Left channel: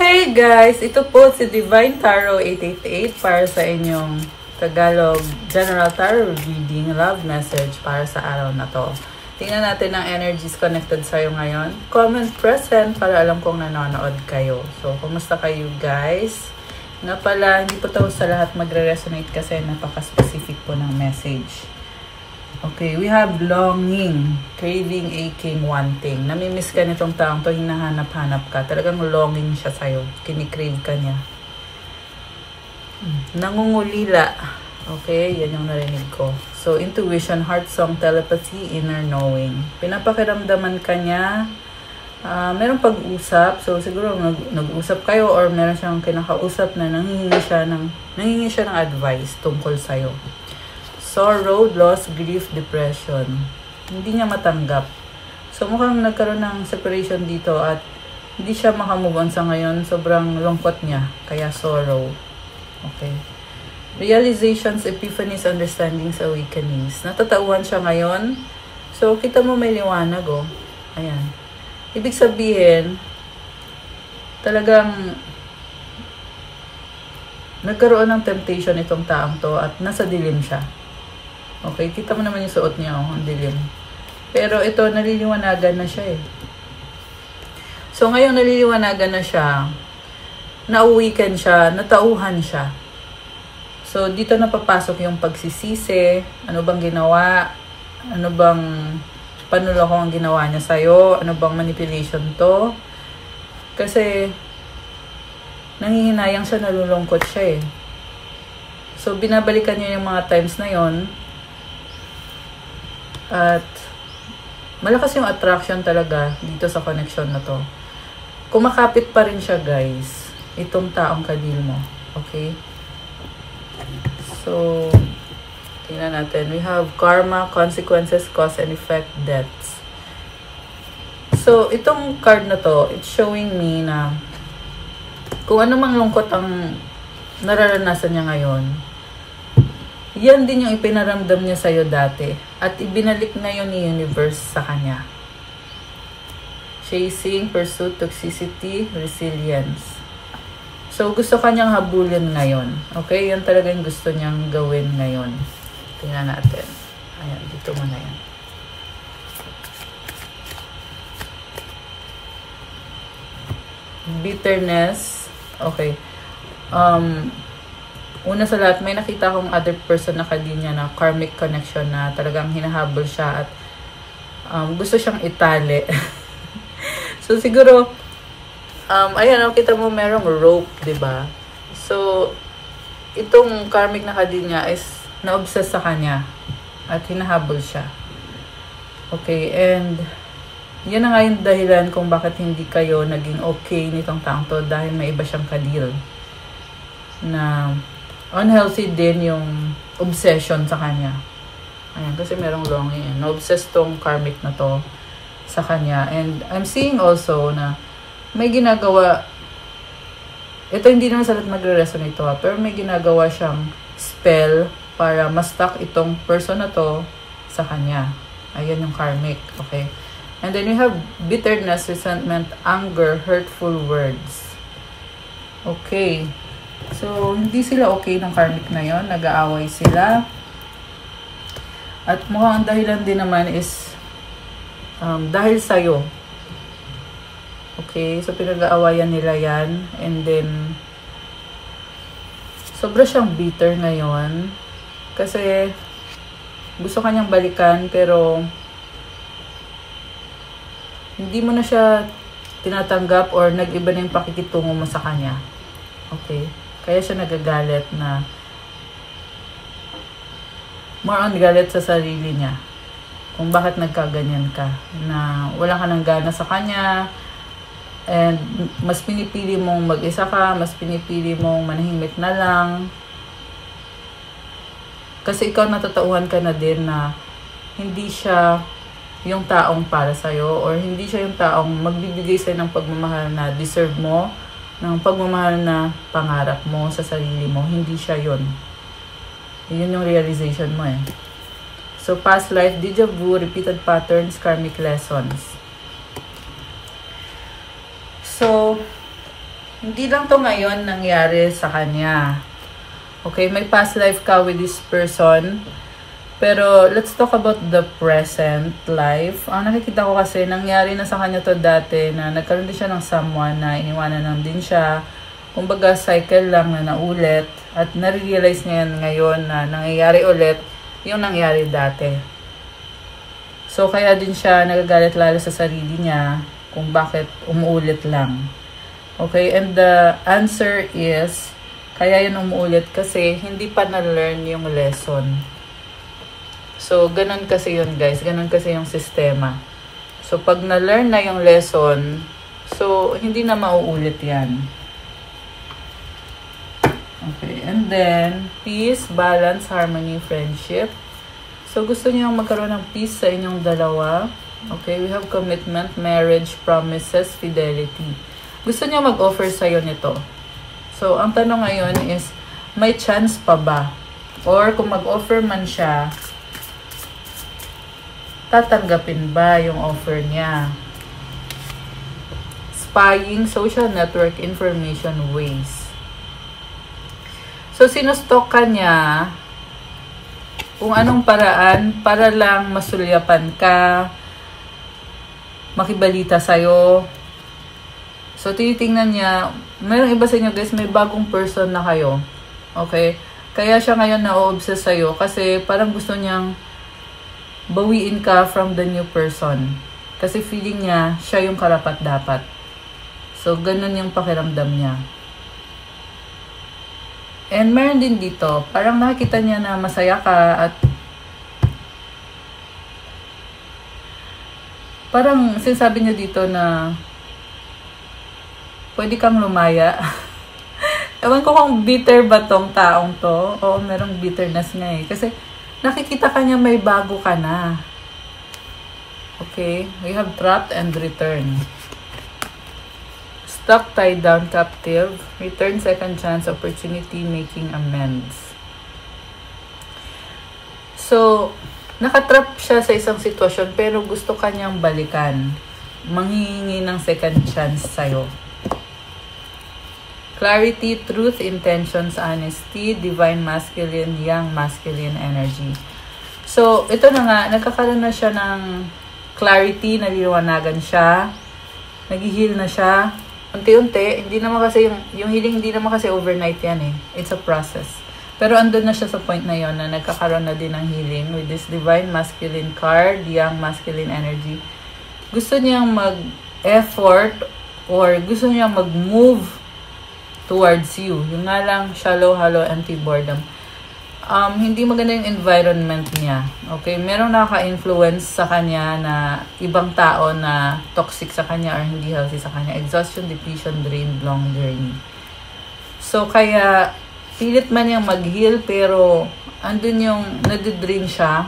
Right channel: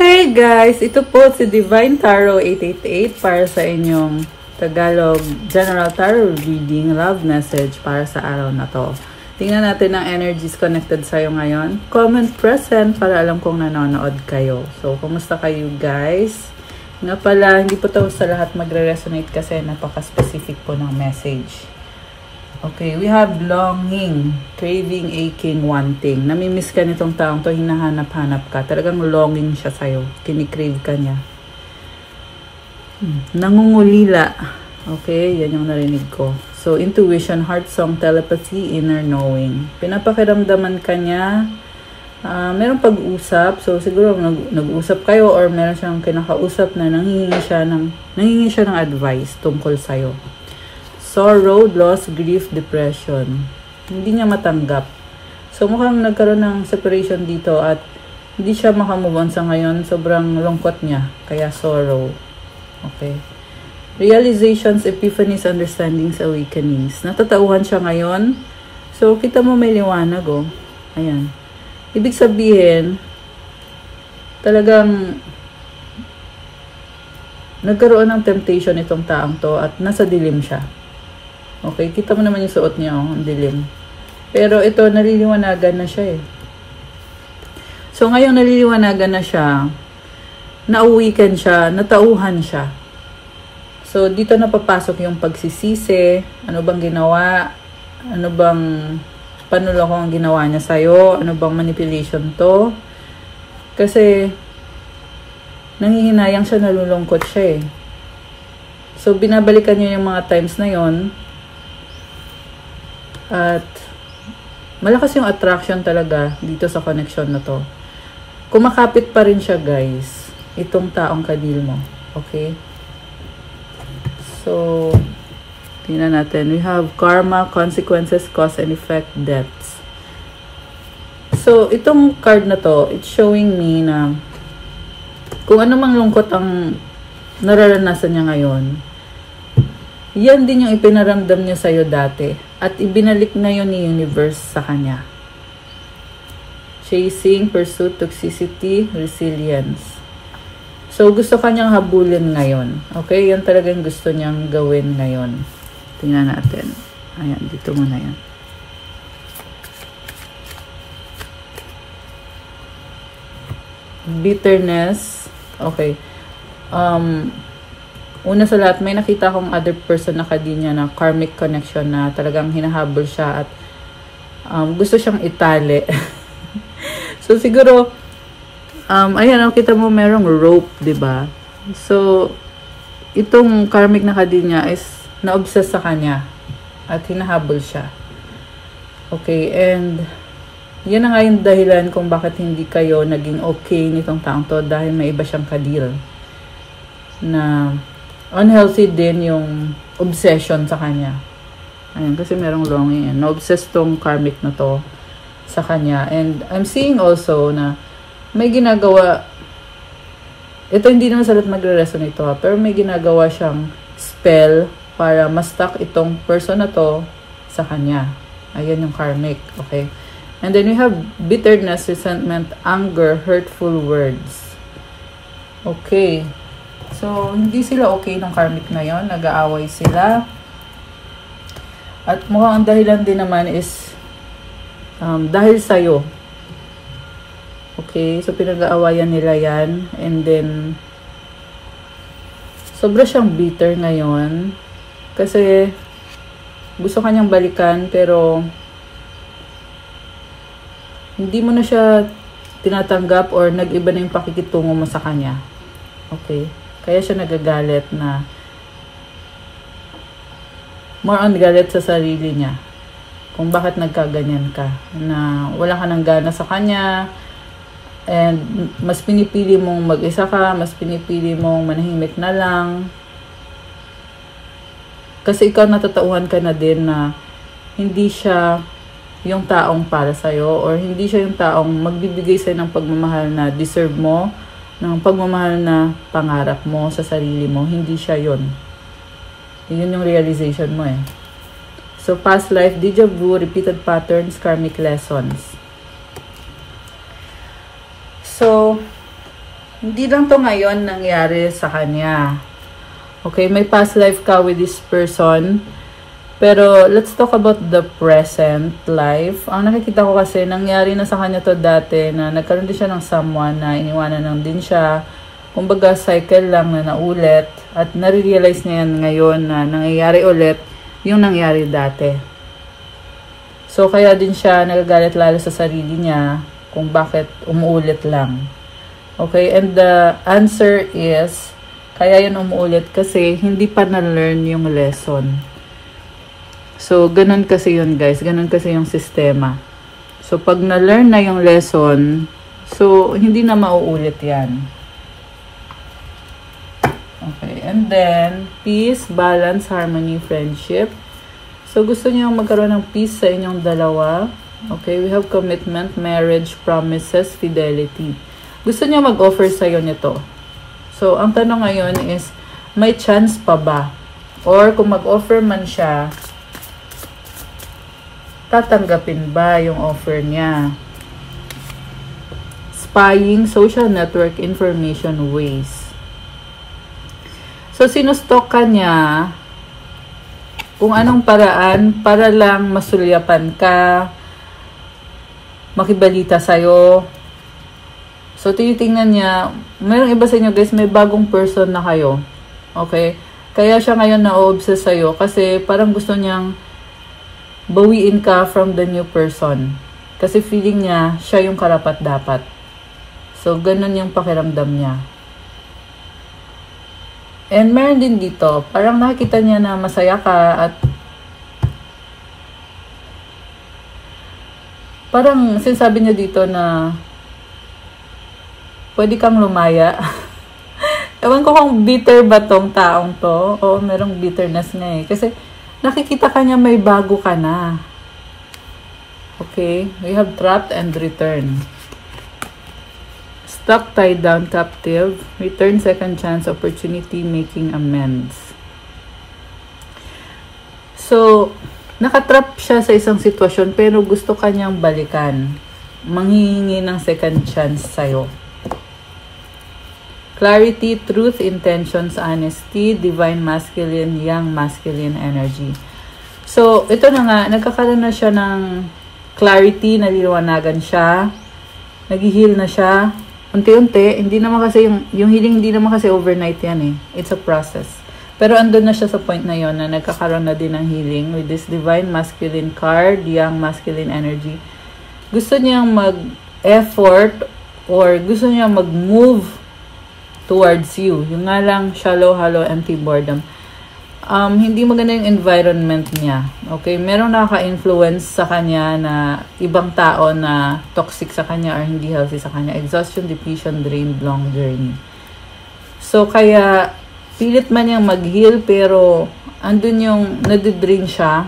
Hey guys! Ito po si Divine Tarot 888 para sa inyong Tagalog General Tarot Reading Love Message para sa araw na to. Tingnan natin ang energies connected sa'yo ngayon. Comment present para alam kong nanonood kayo. So, kumusta kayo guys? Nga pala, hindi po tapos sa lahat magre-resonate kasi napaka-specific po ng message. Okay, we have longing, craving, aching, wanting. Namimiss ka nitong taong to, hinahanap-hanap ka. Talagang longing siya sa'yo. Kinikrave ka niya. Nangungulila. Okay, yan yung narinig ko. So, intuition, heart song, telepathy, inner knowing. Pinapakiramdaman ka niya. Meron pag-usap. So, siguro nag-usap kayo or meron siyang kinakausap na nangingi siya ng advice tungkol sa'yo. Sorrow, loss, grief, depression. Hindi niya matanggap. So, mukhang nagkaroon ng separation dito at hindi siya makamove on sa ngayon. Sobrang lungkot niya. Kaya sorrow. Okay. Realizations, epiphanies, understandings, awakenings. Natatauhan siya ngayon. So, kita mo may liwanag, oh. Ayan. Ibig sabihin, talagang nagkaroon ng temptation itong taong to at nasa dilim siya. Okay, kita mo naman yung suot niya, oh, ang dilim. Pero ito, naliliwanagan na siya eh. So, ngayong naliliwanagan na siya, nauwikan siya, natauhan siya. So, dito na papasok yung pagsisisi, ano bang ginawa, panuloko ang ginawa niya sa'yo, ano bang manipulation to. Kasi, nangihinayang siya, nalulungkot siya eh. So, binabalikan niya yung mga times na yon. At malakas yung attraction talaga dito sa connection na to. Kumakapit pa rin siya guys, itong taong kadil mo. Okay? So, tingnan natin. We have karma, consequences, cause and effect, debts. So, itong card na to, it's showing me na kung ano mang lungkot ang nararanasan niya ngayon, yan din yung ipinaramdam niya sa'yo dati. At ibinalik ngayon ni universe sa kanya. Chasing, pursuit, toxicity, resilience. So, gusto kanyang habulin ngayon. Okay? Yan talaga yung gusto niyang gawin ngayon. Tingnan natin. Ayan, dito na yan. Bitterness. Okay. Una sa lahat, may nakita akong other person na kadinya na karmic connection na talagang hinahabol siya at gusto siyang itali. So, siguro, ayan, kita mo merong rope, diba? So, itong karmic na kadinya is na-obsess sa kanya at hinahabol siya. Okay, and yan na nga yung dahilan kung bakit hindi kayo naging okay nitong taong to dahil may iba siyang kadil na unhealthy din yung obsession sa kanya. Ayun, kasi merong longing. Na-obsess tong karmic na to sa kanya. And I'm seeing also na may ginagawa, ito hindi naman salat magre-resonate to, pero may ginagawa siyang spell para ma-stuck itong person na to sa kanya. Ayan yung karmic. Okay? And then we have bitterness, resentment, anger, hurtful words. Okay. So, hindi sila okay ng karmic na yon, nag-aaway sila. At mukhang ang dahilan din naman is dahil sa'yo. Okay, so pinag-aawayan nila yan. And then, sobra siyang bitter ngayon. Kasi, gusto kanyang balikan, pero hindi mo na siya tinatanggap or nag-iba na yung pakikitungo mo sa kanya. Okay. Kaya siya nagagalit na more on galit sa sarili niya. Kung bakit nagkaganyan ka. Na wala ka ng gana sa kanya. And mas pinipili mong mag-isa ka. Mas pinipili mong manahimik na lang. Kasi ikaw natatauhan ka na din na hindi siya yung taong para sa'yo. Or hindi siya yung taong magbibigay sa'yo ng pagmamahal na deserve mo. Ng pagmamahal na pangarap mo sa sarili mo, hindi siya yun. Yun yung realization mo eh. So, past life, deja vu, repeated patterns, karmic lessons. So, hindi lang to ngayon nangyari sa kanya. Okay, may past life ka with this person. Pero, let's talk about the present life. Ang nakikita ko kasi, nangyari na sa kanya to dati na nagkaroon din siya ng someone na iniwanan lang din siya. Kumbaga, cycle lang na naulit. At nare-realize niya yan ngayon na nangyayari ulit yung nangyari dati. So, kaya din siya nagagalit lalo sa sarili niya kung bakit umuulit lang. Okay, and the answer is, kaya yun umuulit kasi hindi pa na-learn yung lesson. So, ganun kasi yun guys. Ganun kasi yung sistema. So, pag na-learn na yung lesson, so, hindi na mauulit yan. Okay. And then, peace, balance, harmony, friendship. So, gusto niyo magkaroon ng peace sa inyong dalawa. Okay. We have commitment, marriage, promises, fidelity. Gusto niyo mag-offer sa'yo nito. So, ang tanong ngayon is, may chance pa ba? Or, kung mag-offer man siya, tatanggapin ba yung offer niya? Spying, social network, information, ways. So, sinustok ka niya kung anong paraan para lang masulyapan ka, makibalita sa'yo. So, tinitingnan niya, mayroong iba sa inyo guys, may bagong person na kayo. Okay? Kaya siya ngayon na-obsess sa'yo kasi parang gusto niyang bawiin ka from the new person. Kasi feeling niya, siya yung karapat-dapat. So, ganun yung pakiramdam niya. And meron din dito, parang nakikita niya na masaya ka at parang sinasabi niya dito na pwede kang lumaya. Ewan ko kung bitter ba tong taong to o merong bitterness na eh. Kasi nakikita ka niya may bago ka na. Okay? We have trapped and return. Stuck, tied down, captive. Return, second chance, opportunity, making amends. So, nakatrap siya sa isang sitwasyon pero gusto ka niyang balikan. Manghihingi ng second chance sa'yo. Clarity, truth, intentions, honesty, divine masculine, young masculine energy. So, ito na nga, nagkakaroon na siya ng clarity, naliliwanagan siya, nag-heal na siya. Unti-unti, hindi naman kasi, yung healing hindi naman kasi overnight yan eh. It's a process. Pero andun na siya sa point na yon na nagkakaroon na din ng healing with this divine masculine card, young masculine energy. Gusto niyang mag-effort or gusto niyang mag-move towards you. Yung nga lang, shallow, hollow, empty boredom. Hindi maganda yung environment niya. Okay? Merong nakaka-influence sa kanya na ibang tao na toxic sa kanya or hindi healthy sa kanya. Exhaustion, depletion, drain, long journey. So, kaya pilit man niyang mag-heal pero andun yung nadidrain siya.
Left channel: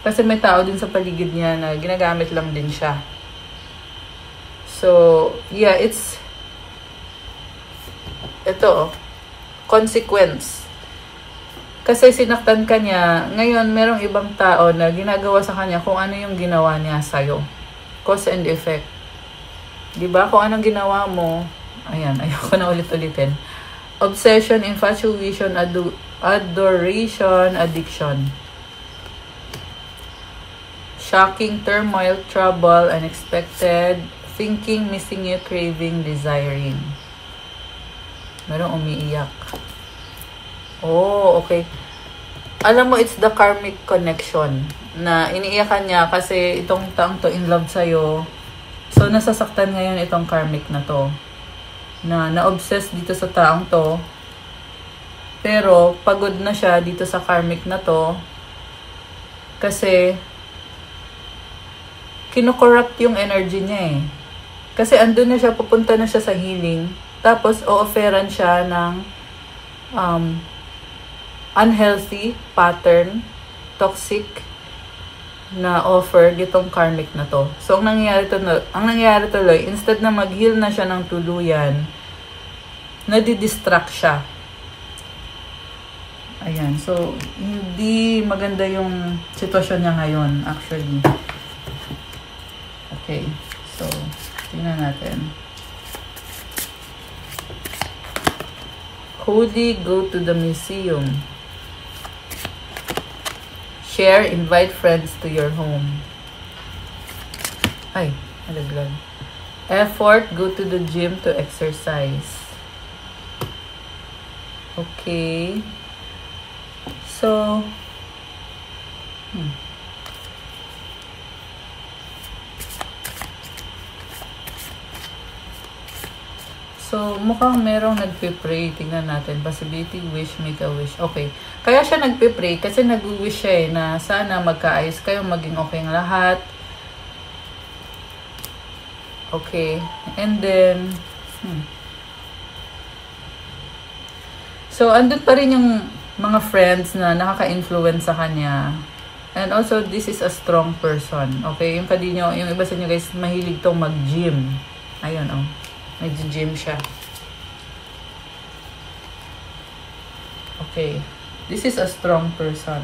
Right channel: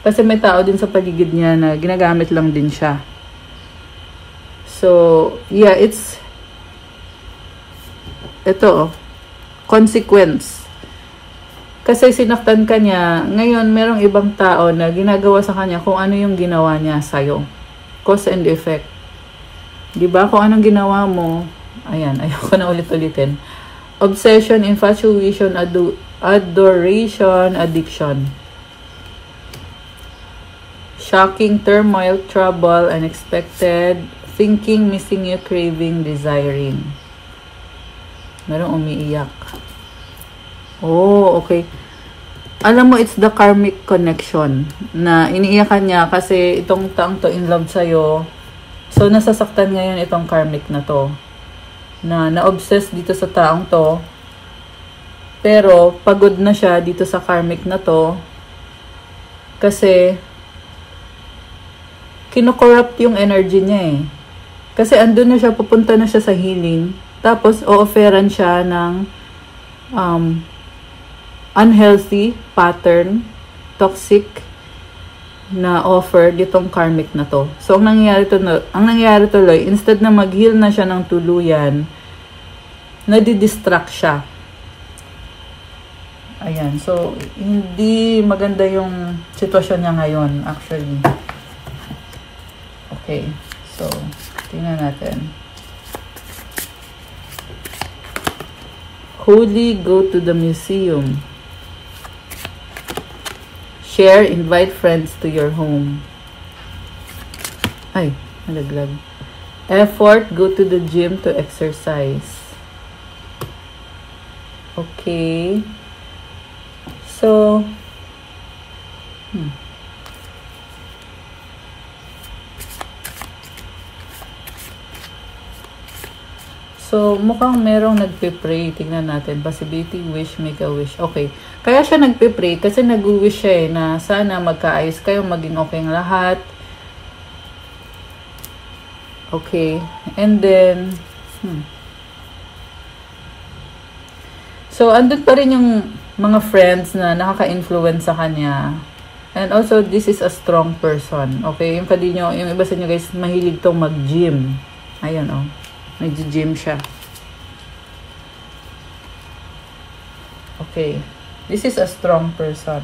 Kasi may tao din sa paligid niya na ginagamit lang din siya. So, yeah, ito, consequence. Kasi sinaktan ka niya, ngayon merong ibang tao na ginagawa sa kanya kung ano yung ginawa niya sa'yo. Cause and effect. Diba? Kung anong ginawa mo, ayan, ayoko na ulit-ulitin. Obsession, infatuation, adoration, addiction. Shocking, turmoil, trouble, unexpected, thinking, missing you, craving, desiring. Merong umiiyak. Oh, okay. Alam mo, it's the karmic connection na iniiyakan niya kasi itong taong to in love sa'yo. So, nasasaktan ngayon itong karmic na to. Na na-obsess dito sa taong to. Pero, pagod na siya dito sa karmic na to. Kasi, kinokorrupt yung energy niya eh. Kasi andun na siya, pupunta na siya sa healing. Tapos, o-offeran siya ng unhealthy pattern, toxic na offer ditong karmic na to. So, ang nangyayari tuloy, instead na mag-heal na siya ng tuluyan, nadidistract siya. Ayan. So, hindi maganda yung sitwasyon niya ngayon, actually. Okay. So, tingnan natin. Holy, go to the museum. Share, invite friends to your home. Ay, nalaglag. Effort, go to the gym to exercise. Okay. So, So, mukhang merong nagpe-pray. Tingnan natin. Possibility, wish, make a wish. Okay. Kaya siya nagpe-pray kasi nag-wish siya na sana magkaayos kayo, maging okay ang lahat. Okay. And then, So, andun pa rin yung mga friends na nakaka-influence sa kanya. And also, this is a strong person. Okay? Yung iba sa inyo guys, mahilig tong mag-gym. Ayun, oh. Nag-gym siya. Okay. This is a strong person.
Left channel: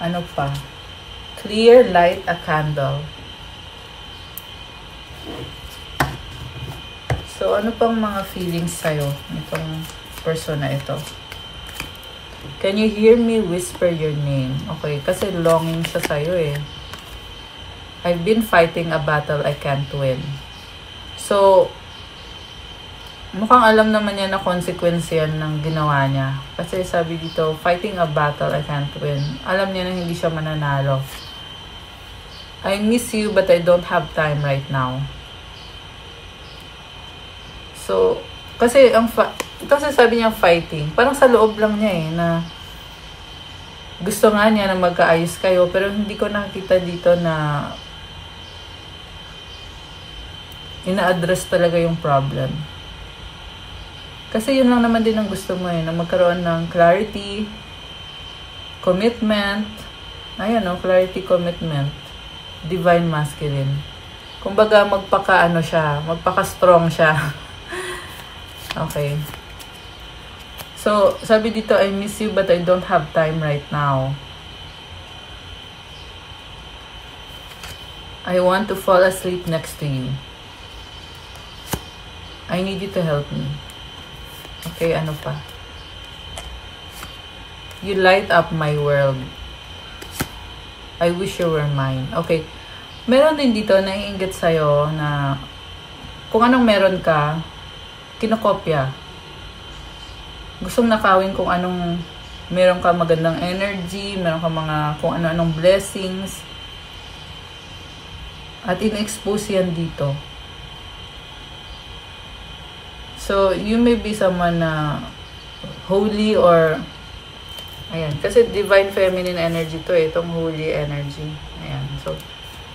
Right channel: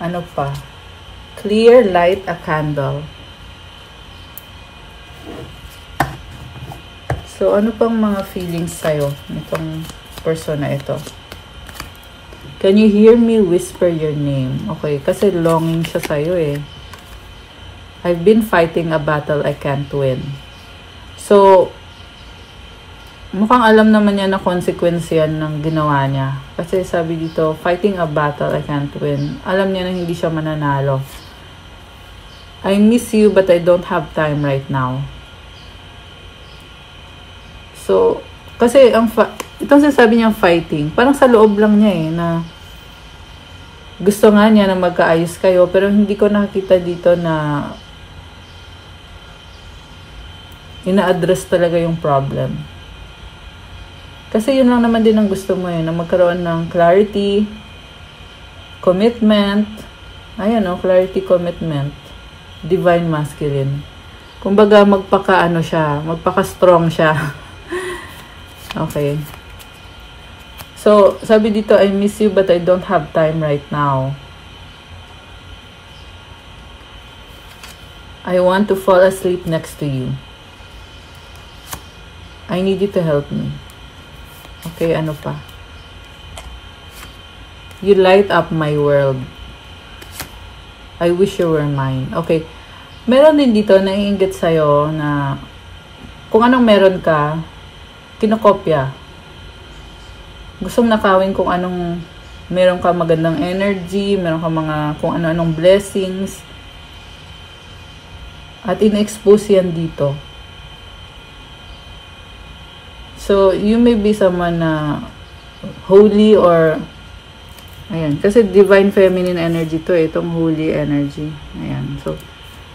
Ano pa? Clear, light a candle. So, ano pang mga feelings sa'yo? Itong person na ito. Can you hear me whisper your name? Okay, kasi longing siya sa'yo eh. I've been fighting a battle I can't win. So, mukhang alam naman niya na consequence yan ng ginawa niya. Kasi sabi dito, fighting a battle I can't win. Alam niya na hindi siya mananalo. I miss you but I don't have time right now. So, kasi itong sasabi niyang fighting, parang sa loob lang niya eh, na gusto nga niya na magkaayos kayo, pero hindi ko nakita dito na ina-address talaga yung problem. Kasi yun lang naman din ang gusto mo na magkaroon ng clarity, commitment, ayan o, clarity, commitment, divine masculine. Kumbaga magpaka-strong siya. Okay. So, sabi dito, I miss you but I don't have time right now. I want to fall asleep next to you. I need you to help me. Okay, ano pa? You light up my world. I wish you were mine. Okay. Meron din dito naiinggit sa'yo na kung anong meron ka, kinokopya. Gustong nakawin kung anong meron ka magandang energy, meron ka kung ano-anong blessings. At in-expose yan dito. So, you may be someone na holy or ayan, kasi divine feminine energy to itong holy energy. Ayan, so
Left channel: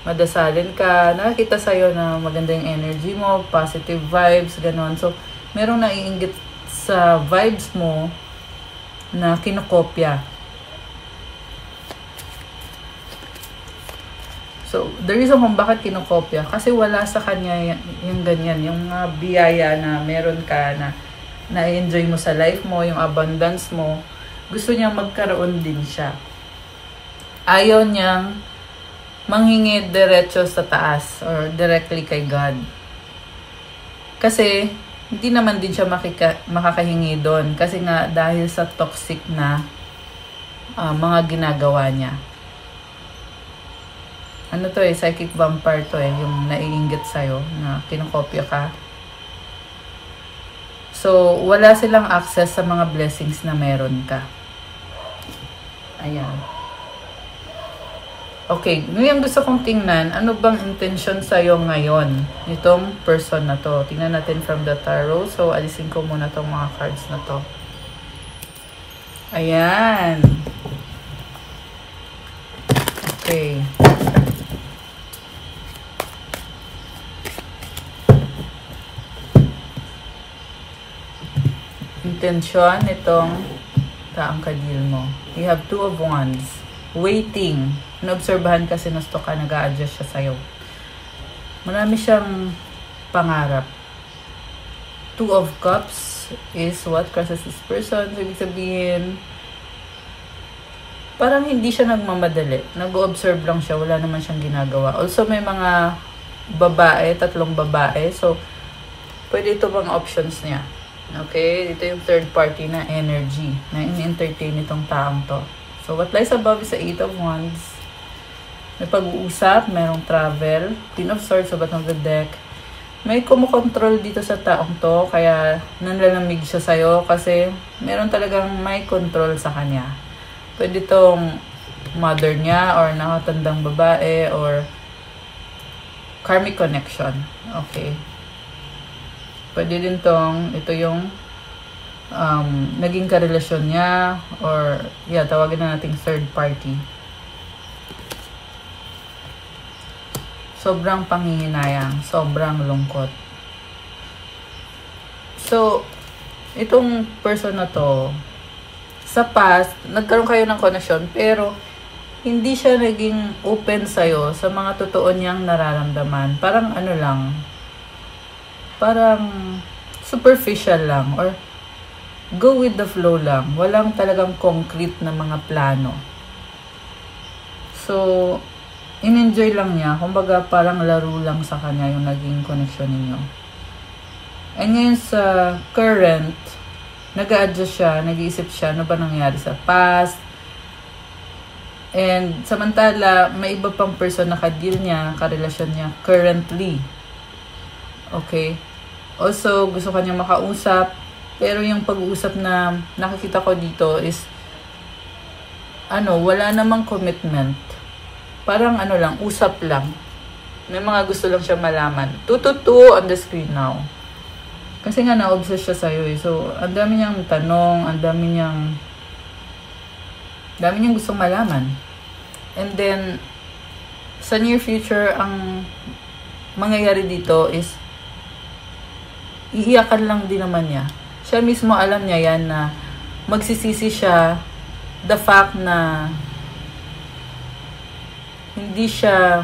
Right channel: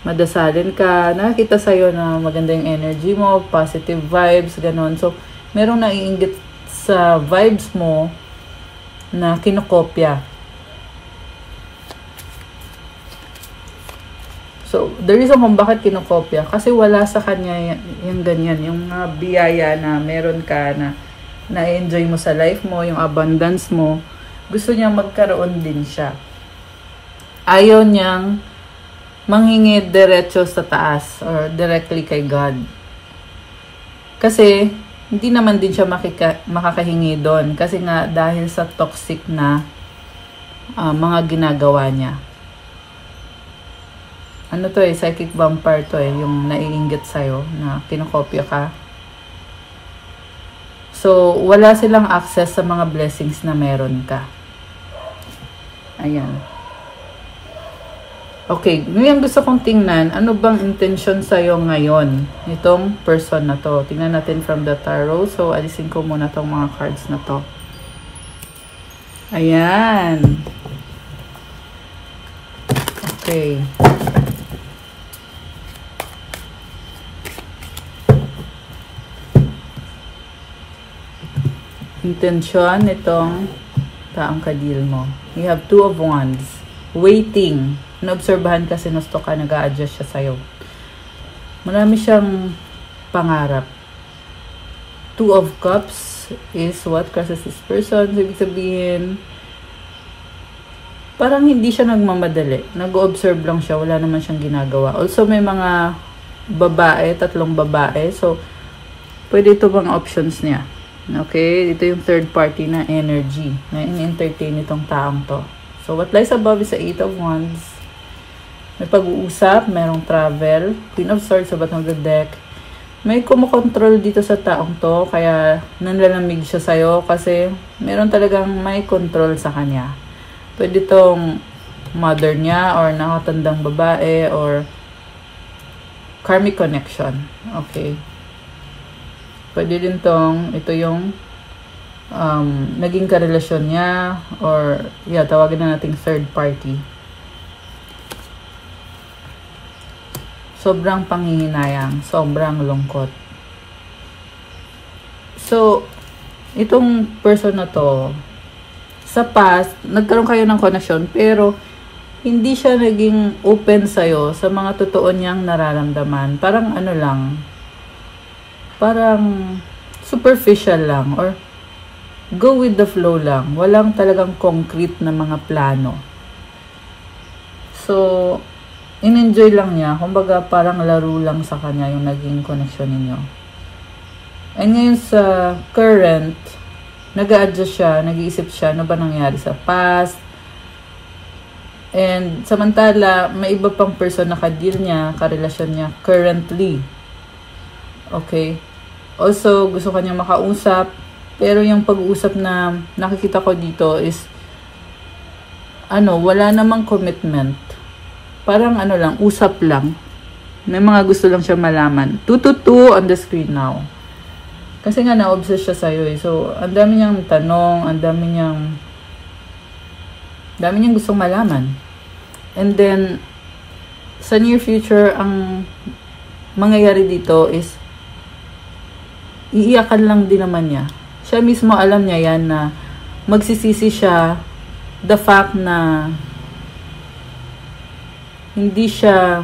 madasalin ka, nakakita sa'yo na maganda yung energy mo, positive vibes, ganon. So, merong naiinggit sa vibes mo na kinokopya. So, the reason kung bakit kinokopya, kasi wala sa kanya yung ganyan, yung biyaya na meron ka na na-enjoy mo sa life mo, yung abundance mo, gusto niya magkaroon din siya. Ayaw niyang manghingi diretso sa taas or directly kay God. Kasi, hindi naman din siya makakahingi doon. Kasi nga, dahil sa toxic na mga ginagawa niya. Ano to psychic vampire to yung naiinggit sa'yo, na kinokopya ka. So, wala silang access sa mga blessings na meron ka. Ayan. Okay, ngayon gusto kong tingnan, ano bang intention sa'yo ngayon, itong person na to. Tingnan natin from the tarot. So, alisin ko muna tong mga cards na to. Ayan. Okay. Intention itong taang kadil mo. You have 2 of Wands. Waiting. Naobserbahan kasi nasto ka, nag-a-adjust siya sa'yo. Marami siyang pangarap. 2 of Cups is what crosses this person. Ibig sabihin, parang hindi siya nagmamadali. Nag-observe lang siya. Wala naman siyang ginagawa. Also, may mga babae, 3 babae. So, pwede ito bang options niya. Okay? Ito yung third party na energy na in-entertain itong taong to. So, what lies above is the 8 of Wands. May pag-uusap, mayroong travel, Queen of Swords, sabat ng good deck. May kumukontrol dito sa taong to, kaya nanlalamig siya sa'yo kasi meron talagang may control sa kanya. Pwede itong mother niya or nakatandang babae or karmic connection. Okay. Pwede din tong, ito yung naging karelasyon niya or tawagin na nating third party. Sobrang panghihinayang, sobrang lungkot. So, itong person na to, sa past, nagkaroon kayo ng connection, pero hindi siya naging open sa'yo sa mga totoo niyang nararamdaman. Parang ano lang, parang superficial lang, or go with the flow lang. Walang talagang concrete na mga plano. So, in-enjoy lang niya. Kumbaga, parang laro lang sa kanya yung naging connection ninyo. And ngayon sa current, nag-a-adjust siya, nag-iisip siya, ano ba nangyari sa past. And samantala, may iba pang person na ka-deal niya, karelasyon niya currently. Okay? Also, gusto kanyang makausap. Pero yung pag-uusap na nakikita ko dito is, wala namang commitment. Parang lang, usap lang. May mga gusto lang siya malaman. 222 on the screen now. Kasi nga na-obsess siya sa'yo eh. So, ang dami niyang tanong, ang dami niyang gustong malaman. And then, sa near future, ang mangyayari dito is, iiyakan lang din naman niya. Siya mismo alam niya yan na magsisisi siya the fact na hindi siya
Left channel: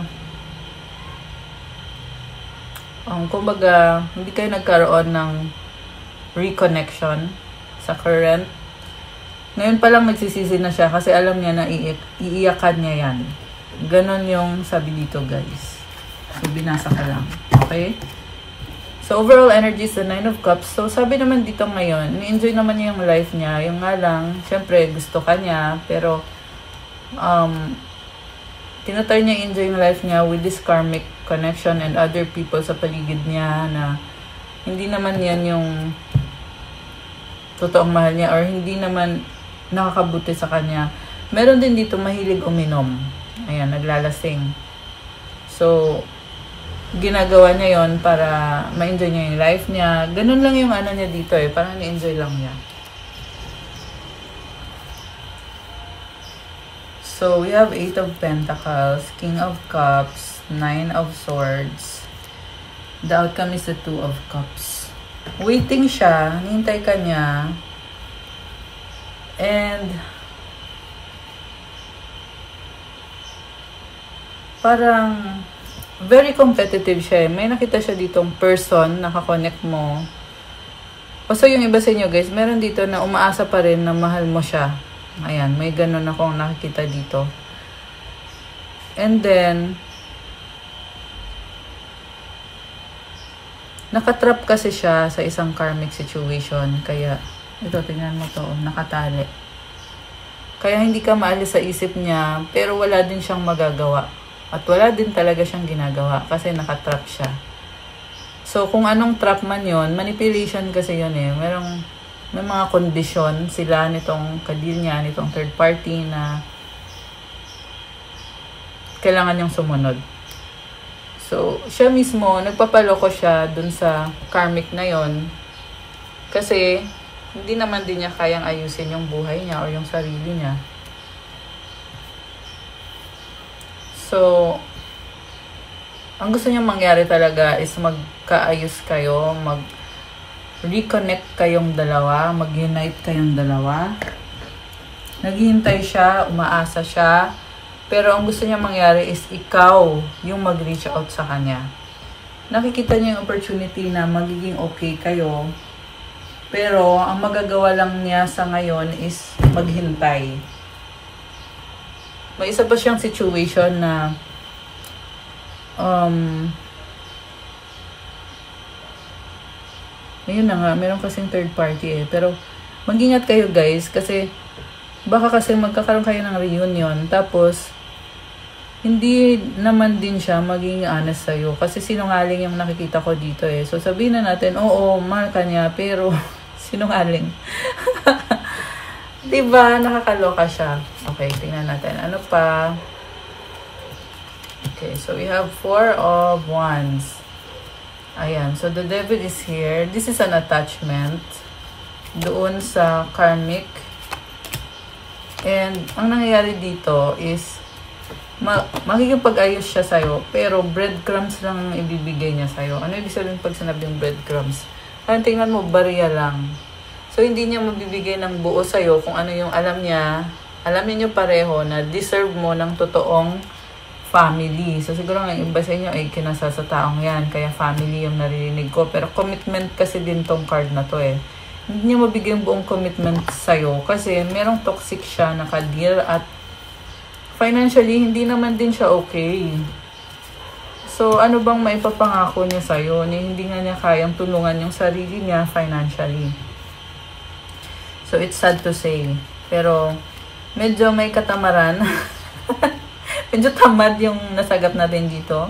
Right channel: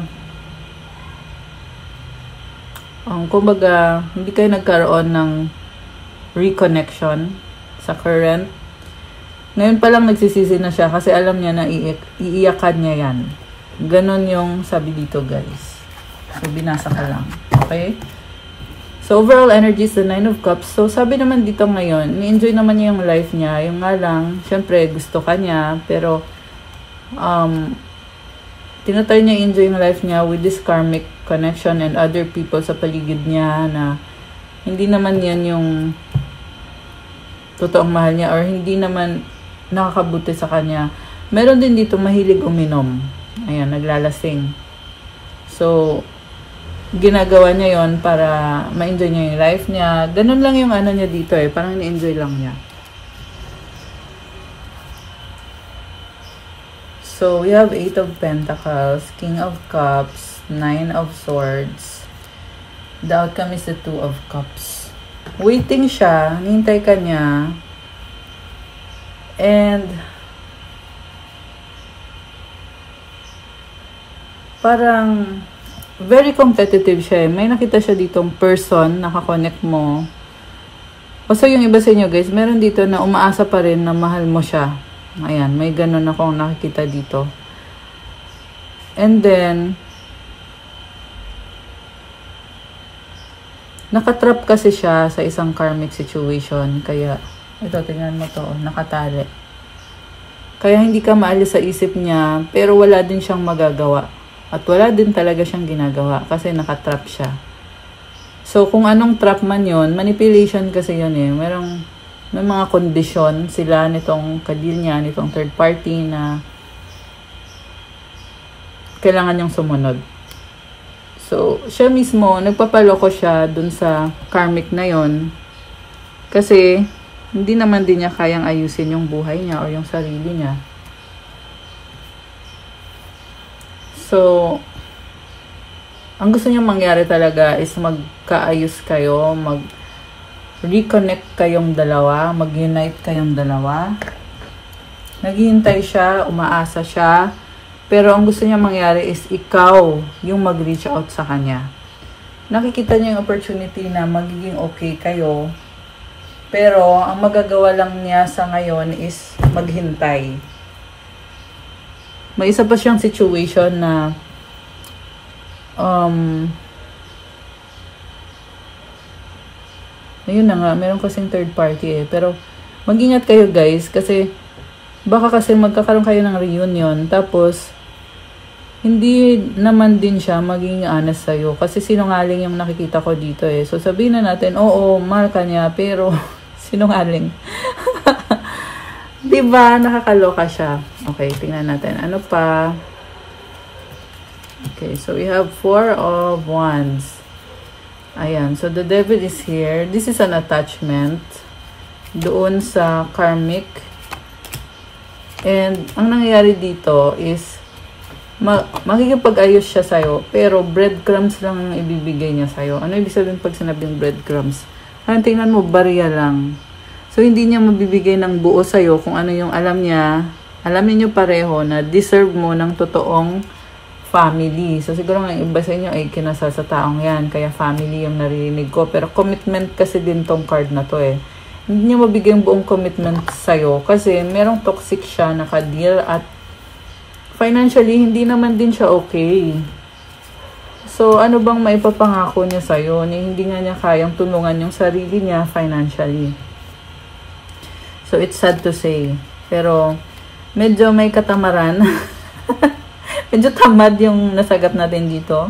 kumbaga, hindi kayo nagkaroon ng reconnection sa current. Ngayon pa lang nagsisisi na siya kasi alam niya na iiyakan niya yan. Ganon yung sabi dito, guys. So, binasa ko lang. Okay? So, overall energy is the 9 of Cups. So, sabi naman dito ngayon, ni-enjoy naman niya yung life niya. Yung nga lang, syempre, gusto ka niya. Pero, tinatry niya enjoy yung life niya with this karmic connection and other people sa paligid niya na hindi naman yan yung totoong mahal niya or hindi naman nakakabuti sa kanya. Meron din dito mahilig uminom. Ayan, naglalasing. So, ginagawa niya yon para ma-enjoy niya yung life niya. Ganun lang yung niya dito eh. Parang ni-enjoy lang niya. So, we have 8 of Pentacles, King of Cups, 9 of Swords. The outcome is the 2 of Cups. Waiting siya, hinihintay ka niya. And, parang, very competitive siya. May nakita siya ditong person, nakakonect mo. So, yung iba sa inyo guys, meron dito na umaasa pa rin na mahal mo siya. Ayan, may ganun akong nakikita dito. And then, nakatrap kasi siya sa isang karmic situation. Kaya, ito, tingnan mo to, nakatali. Kaya hindi ka maalis sa isip niya, pero wala din siyang magagawa. At wala din talaga siyang ginagawa kasi nakatrap siya. So, kung anong trap man yun, manipulation kasi yun eh. May mga kondisyon sila nitong kadil niya, nitong third party na kailangan niyang sumunod. So, siya mismo, nagpapaloko siya dun sa karmic na yon kasi hindi naman din niya kayang ayusin yung buhay niya o yung sarili niya. So, ang gusto niya mangyari talaga is magkaayos kayo, reconnect kayong dalawa, mag-unite kayong dalawa. Naghihintay siya, umaasa siya, pero ang gusto niya mangyari is ikaw yung mag-reach out sa kanya. Nakikita niya yung opportunity na magiging okay kayo, pero ang magagawa lang niya sa ngayon is maghintay. May isa pa siyang situation na Ayun na nga, meron kasing third party eh. Pero, mag-ingat kayo guys, kasi, baka kasi magkakaroon kayo ng reunion, tapos, hindi naman din siya maging honest sa'yo. Kasi sinungaling yung nakikita ko dito eh. So, sabihin na natin, oo, mahal ka niya, pero, sinungaling. Diba? Nakakaloka siya. Okay, tingnan natin. Ano pa? Okay, so we have 4 of Wands. Ayan, so the devil is here. This is an attachment doon sa karmic. And, ang nangyayari dito is, makikipag-ayos siya sa'yo, pero breadcrumbs lang ang ibibigay niya sa'yo. Ano ibig sabihin pag sinabing breadcrumbs? Ngayon, tingnan mo, barya lang. So, hindi niya mabibigay ng buo sa'yo kung ano yung alam niya. Alamin niyo pareho na deserve mo ng totoong family. So, siguro nga iba sa inyo ay kinasal sa taong yan. Kaya family yung naririnig ko. Pero commitment kasi din tong card na to eh. Hindi niya mabigay yung buong commitment sa'yo. Kasi merong toxic siya nakadeal at financially, hindi naman din siya okay. So, ano bang maipapangako niya sa'yo na hindi nga niya kayang tulungan yung sarili niya financially? So, it's sad to say. Pero, medyo may katamaran. Medyo tamad yung nasagap natin dito.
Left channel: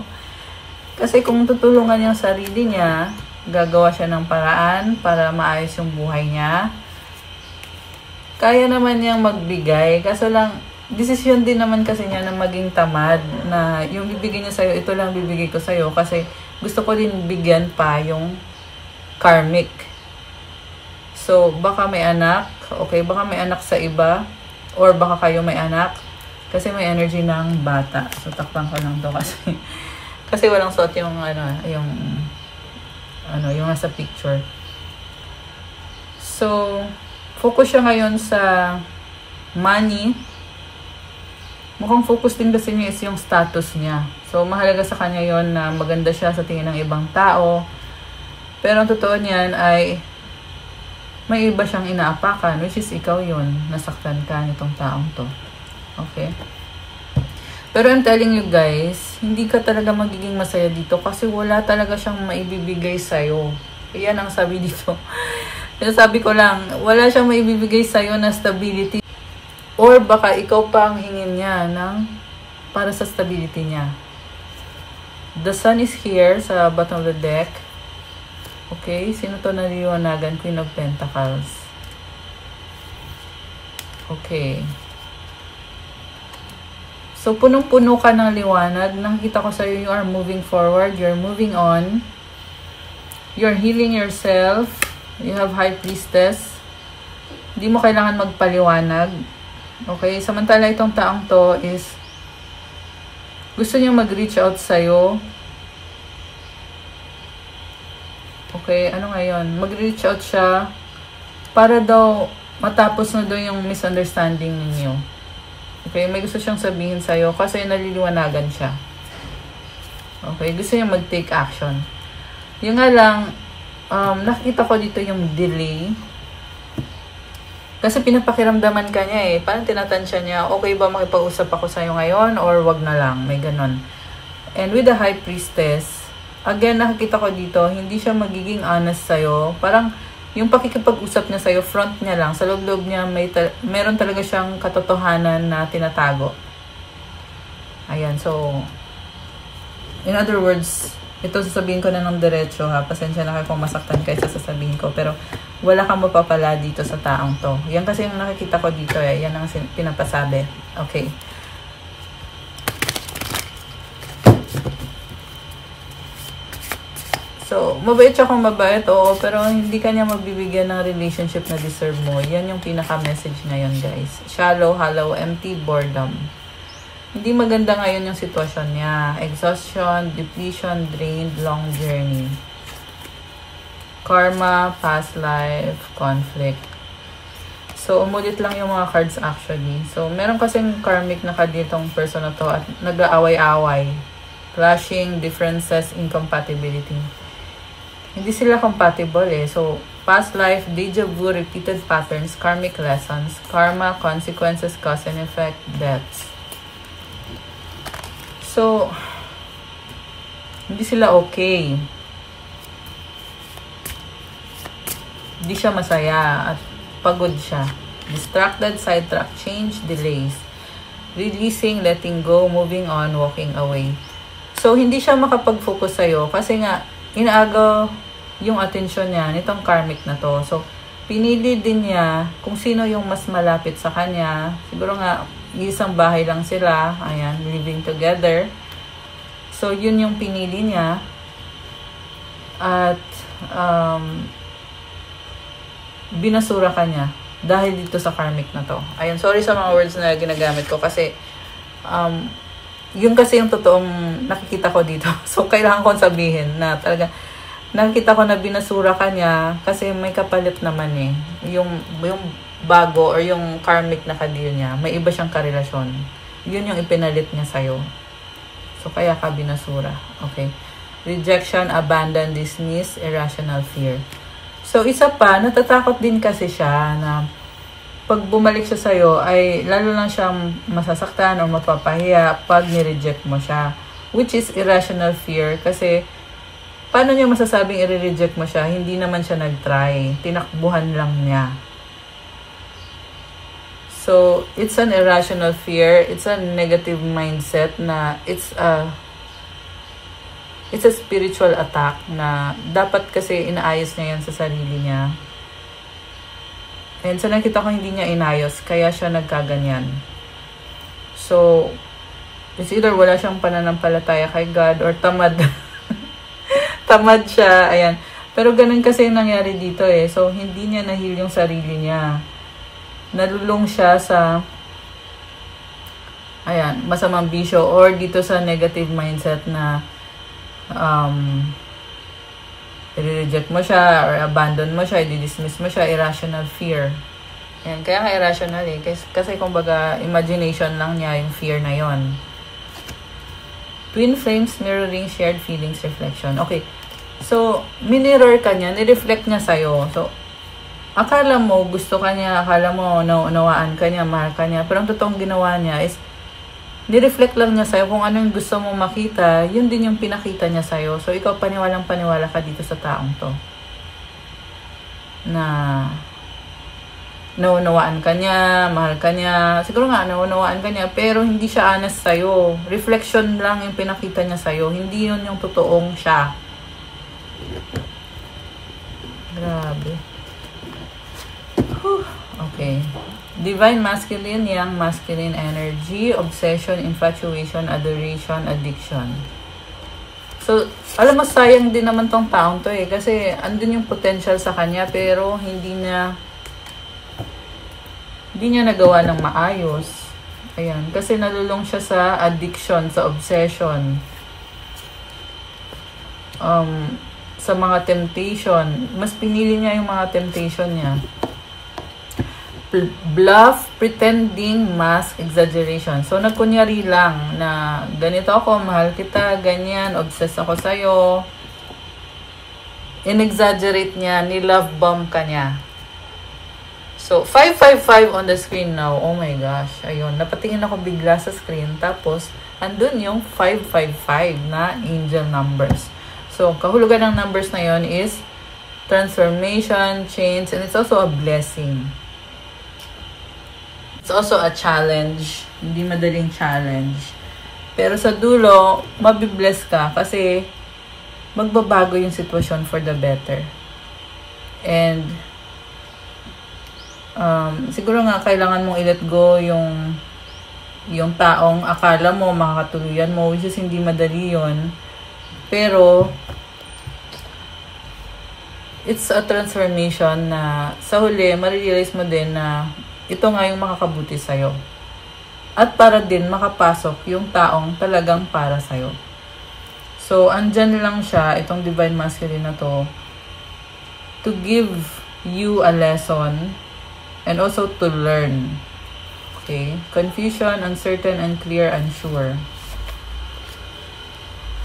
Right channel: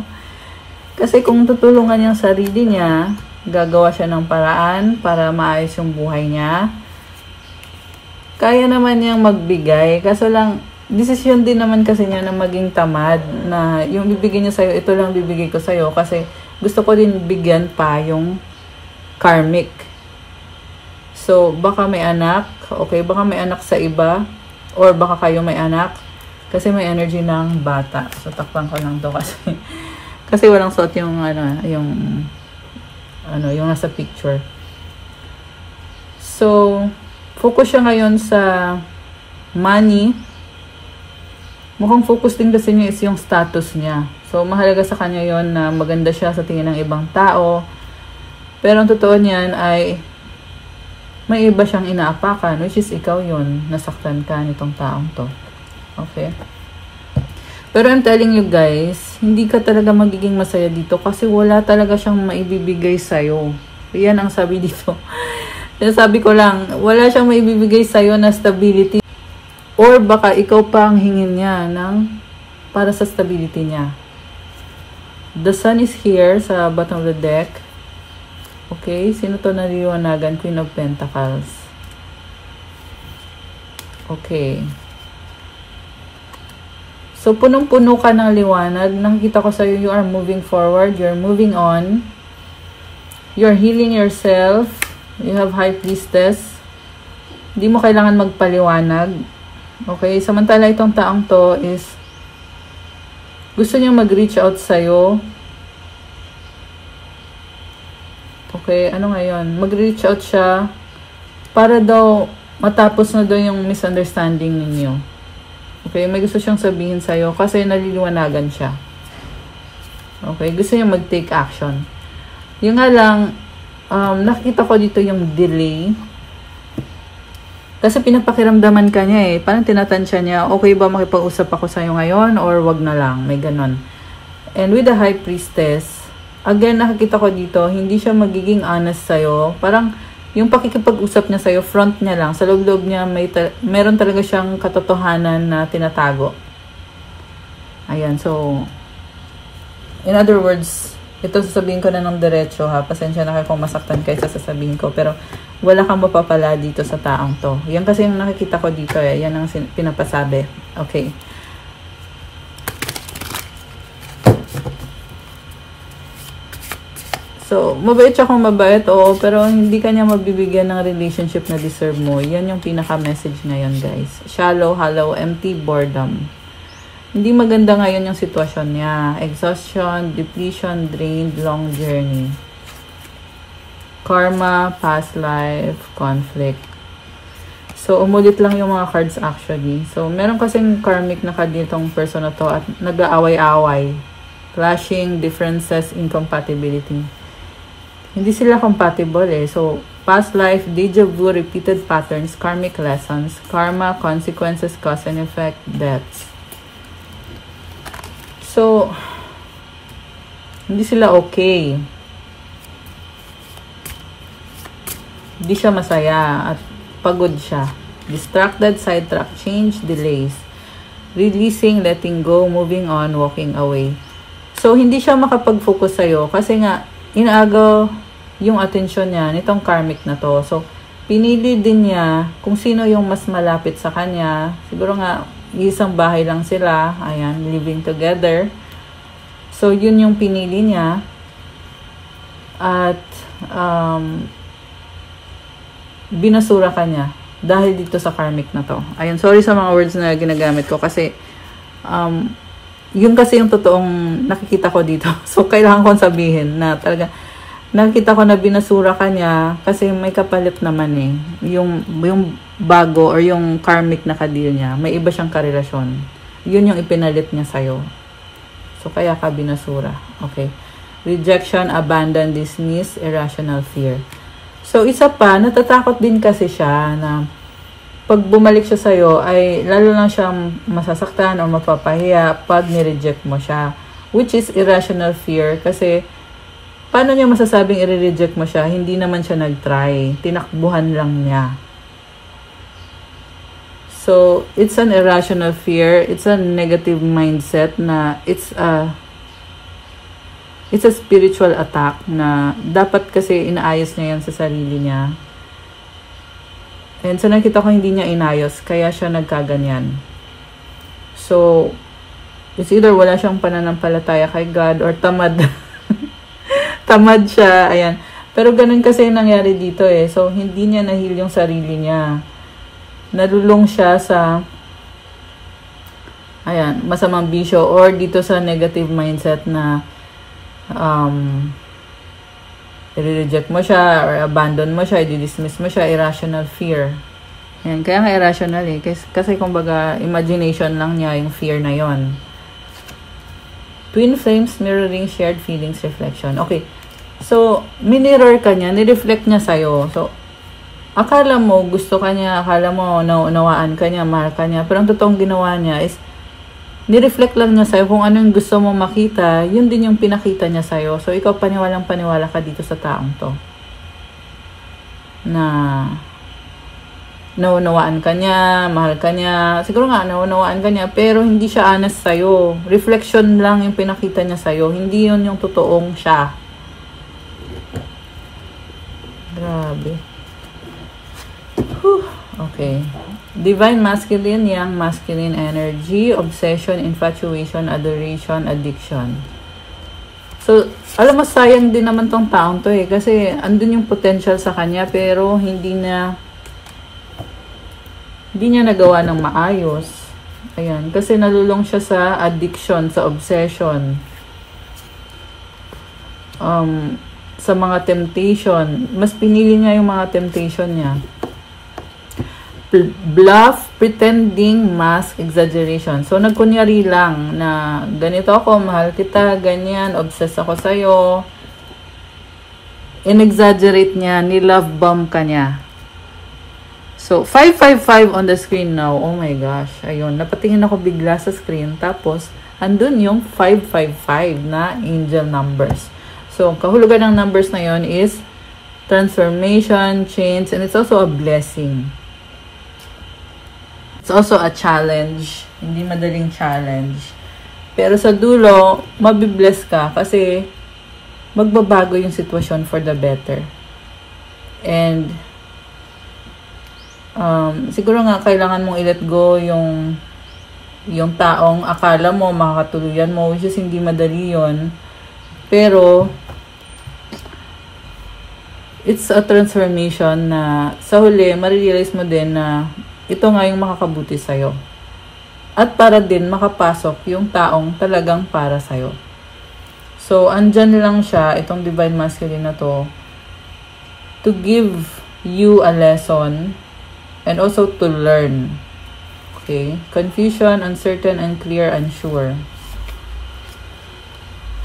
Kasi kung tutulungan yung sarili niya, gagawa siya ng paraan para maayos yung buhay niya. Kaya naman niyang magbigay. Kaso lang, desisyon din naman kasi niya na maging tamad. Na yung bibigyan niya sa'yo, ito lang bibigay ko sa'yo. Kasi gusto ko din bigyan pa yung karmic. So, baka may anak. Okay, baka may anak sa iba. Or baka kayo may anak. Kasi may energy ng bata. So, takpan ko lang to kasi. Kasi walang suot yung, yung nasa picture. So, focus siya ngayon sa money. Mukhang focus din kasi niya is yung status niya. So, mahalaga sa kanya yon na maganda siya sa tingin ng ibang tao. Pero ang totoo niyan ay may iba siyang inaapakan, which is ikaw yon. Nasaktan ka nitong taong to. Okay? Pero I'm telling you guys, hindi ka talaga magiging masaya dito kasi wala talaga siyang maibibigay sa'yo. Yan ang sabi dito. Sinasabi ko lang, wala siyang maibibigay sa'yo na stability. Or baka ikaw pa ang hingin niya para sa stability niya. The sun is here sa bottom of the deck. Okay, sino to naliwanagan? Queen of Pentacles. Okay. So, punong-puno ka ng liwanag. Nakikita ko sa'yo, you are moving forward. You're moving on. You're healing yourself. You have High Priestess. Hindi mo kailangan magpaliwanag. Okay, samantala itong taong to is gusto niya mag-reach out sa'yo. Okay, ano ngayon? Mag-reach out siya para daw matapos na daw yung misunderstanding ninyo. Okay, may gusto siyang sabihin sa'yo kasi naliliwanagan siya. Okay, gusto niya mag-take action. Yung nga lang, nakita ko dito yung delay. Kasi pinapakiramdaman ka niya eh. Parang tinatansya niya, okay ba makipag-usap ako sa'yo ngayon or wag na lang? May ganon. And with the High Priestess, again, nakikita ko dito, hindi siya magiging honest sa'yo. Parang yung pakikipag-usap niya sa'yo, front niya lang. Sa loob-loob niya, meron talaga siyang katotohanan na tinatago. Ayan, so, in other words, ito sasabihin ko na ng diretso ha. Pasensya na kayo kung masaktan kayo sa sasabihin ko. Pero wala kang mapapala dito sa taong to. Yan kasi yung nakikita ko dito eh. Yan ang pinapasabi. Okay. So, mabait siya kung mabait. Oo, pero hindi kanya mabibigyan ng relationship na deserve mo. Yan yung pinaka-message ngayon guys. Shallow, hollow, empty, boredom. Hindi maganda ngayon yung sitwasyon niya. Exhaustion, depletion, drained, long journey. Karma, past life, conflict. So, umulit lang yung mga cards actually. So, meron kasing karmic na kaditong person na to at nag-aaway-away. Clashing, differences, incompatibility. Hindi sila compatible eh. So, past life, deja vu, repeated patterns, karmic lessons, karma, consequences, cause and effect, deaths. So, hindi sila okay. Di siya masaya at pagod siya. Distracted, sidetrack, change, delays. Releasing, letting go, moving on, walking away. So, hindi siya makapag-focus sa'yo kasi nga, inaagaw yung atensyon niya nitong karmic na to. So, pinili din niya kung sino yung mas malapit sa kanya. Siguro nga, isang bahay lang sila. Ayan, living together. So, yun yung pinili niya. At, binasura ka niya dahil dito sa karmic na to. Ayan, sorry sa mga words na ginagamit ko kasi yun kasi yung totoong nakikita ko dito. So, kailangan kong sabihin na talaga nakikita ko na binasura ka niya kasi may kapalit naman eh. Yung bago or yung karmic na ka-deal niya, may iba siyang karelasyon. Yun yung ipinalit niya sa'yo. So, kaya ka binasura. Okay. Rejection, abandon, dismiss, irrational fear. So, isa pa, natatakot din kasi siya na pag bumalik siya sa'yo, ay lalo lang siyang masasaktan o mapapahiya pag nireject mo siya. Which is irrational fear kasi paano niya masasabing i-reject mo siya? Hindi naman siya nag-try. Tinakbuhan lang niya. So, it's an irrational fear. It's a negative mindset na it's a spiritual attack na dapat kasi inaayos niya yan sa sarili niya. And so nakita ko hindi niya inayos, kaya siya nagkaganyan. So, it's either wala siyang pananampalataya kay God or tamad. Tamad siya, ayan. Pero ganun kasi nangyari dito eh. So, hindi niya nahil yung sarili niya. Nalulong siya sa ayan, masamang bisyo or dito sa negative mindset na i-reject mo siya or abandon mo siya, i-dismiss mo siya, irrational fear. Yan, kaya nga irrational eh. Kasi kumbaga, imagination lang niya yung fear na yon. Twin flames, mirroring, shared feelings, reflection. Okay. So, minirror ka niya, nireflect niya sa'yo. So, akala mo, gusto ka niya, akala mo, naunawaan ka niya, mahal ka niya. Pero ang totoong ginawa niya is, nireflect lang niya sa'yo kung ano yung gusto mong makita, yun din yung pinakita niya sa'yo. So, ikaw paniwalang-paniwala ka dito sa taong to. Na naunawaan ka niya, mahal ka niya. Siguro nga, naunawaan ka niya, pero hindi siya honest sa'yo. Reflection lang yung pinakita niya sa'yo. Hindi yun yung totoong siya. Grabe. Whew. Okay. Divine masculine, young masculine energy, obsession, infatuation, adoration, addiction. So, alam mo, sayang din naman tong taong to eh. Kasi, andun yung potential sa kanya, pero hindi niya nagawa ng maayos. Ayan. Kasi nalulong siya sa addiction, sa obsession. Sa mga temptation. Mas pinili niya yung mga temptation niya. Bluff, pretending, mask, exaggeration. So, nagkunyari lang na ganito ako, mahal kita, ganyan, obsessed ako sa'yo. In-exaggerate niya, ni-love bomb ka niya. So, 555 on the screen now. Oh my gosh. Ayun, napatingin ako bigla sa screen. Tapos, andun yung 555 na angel numbers. So, kahulugan ng numbers na yon is transformation, change, and it's also a blessing. It's also a challenge. Hindi madaling challenge. Pero sa dulo, mabibless ka kasi magbabago yung sitwasyon for the better. And siguro nga kailangan mong i-let go yung taong akala mo makakatuluyan mo, which is hindi madali yun. Pero it's a transformation na sa huli, marirealize mo din na ito nga yung makakabuti sa'yo. At para din makapasok yung taong talagang para sa'yo. So, andyan lang siya, itong Divine Masculine na to give you a lesson and also to learn. Okay? Confusion, uncertain, unclear, unsure.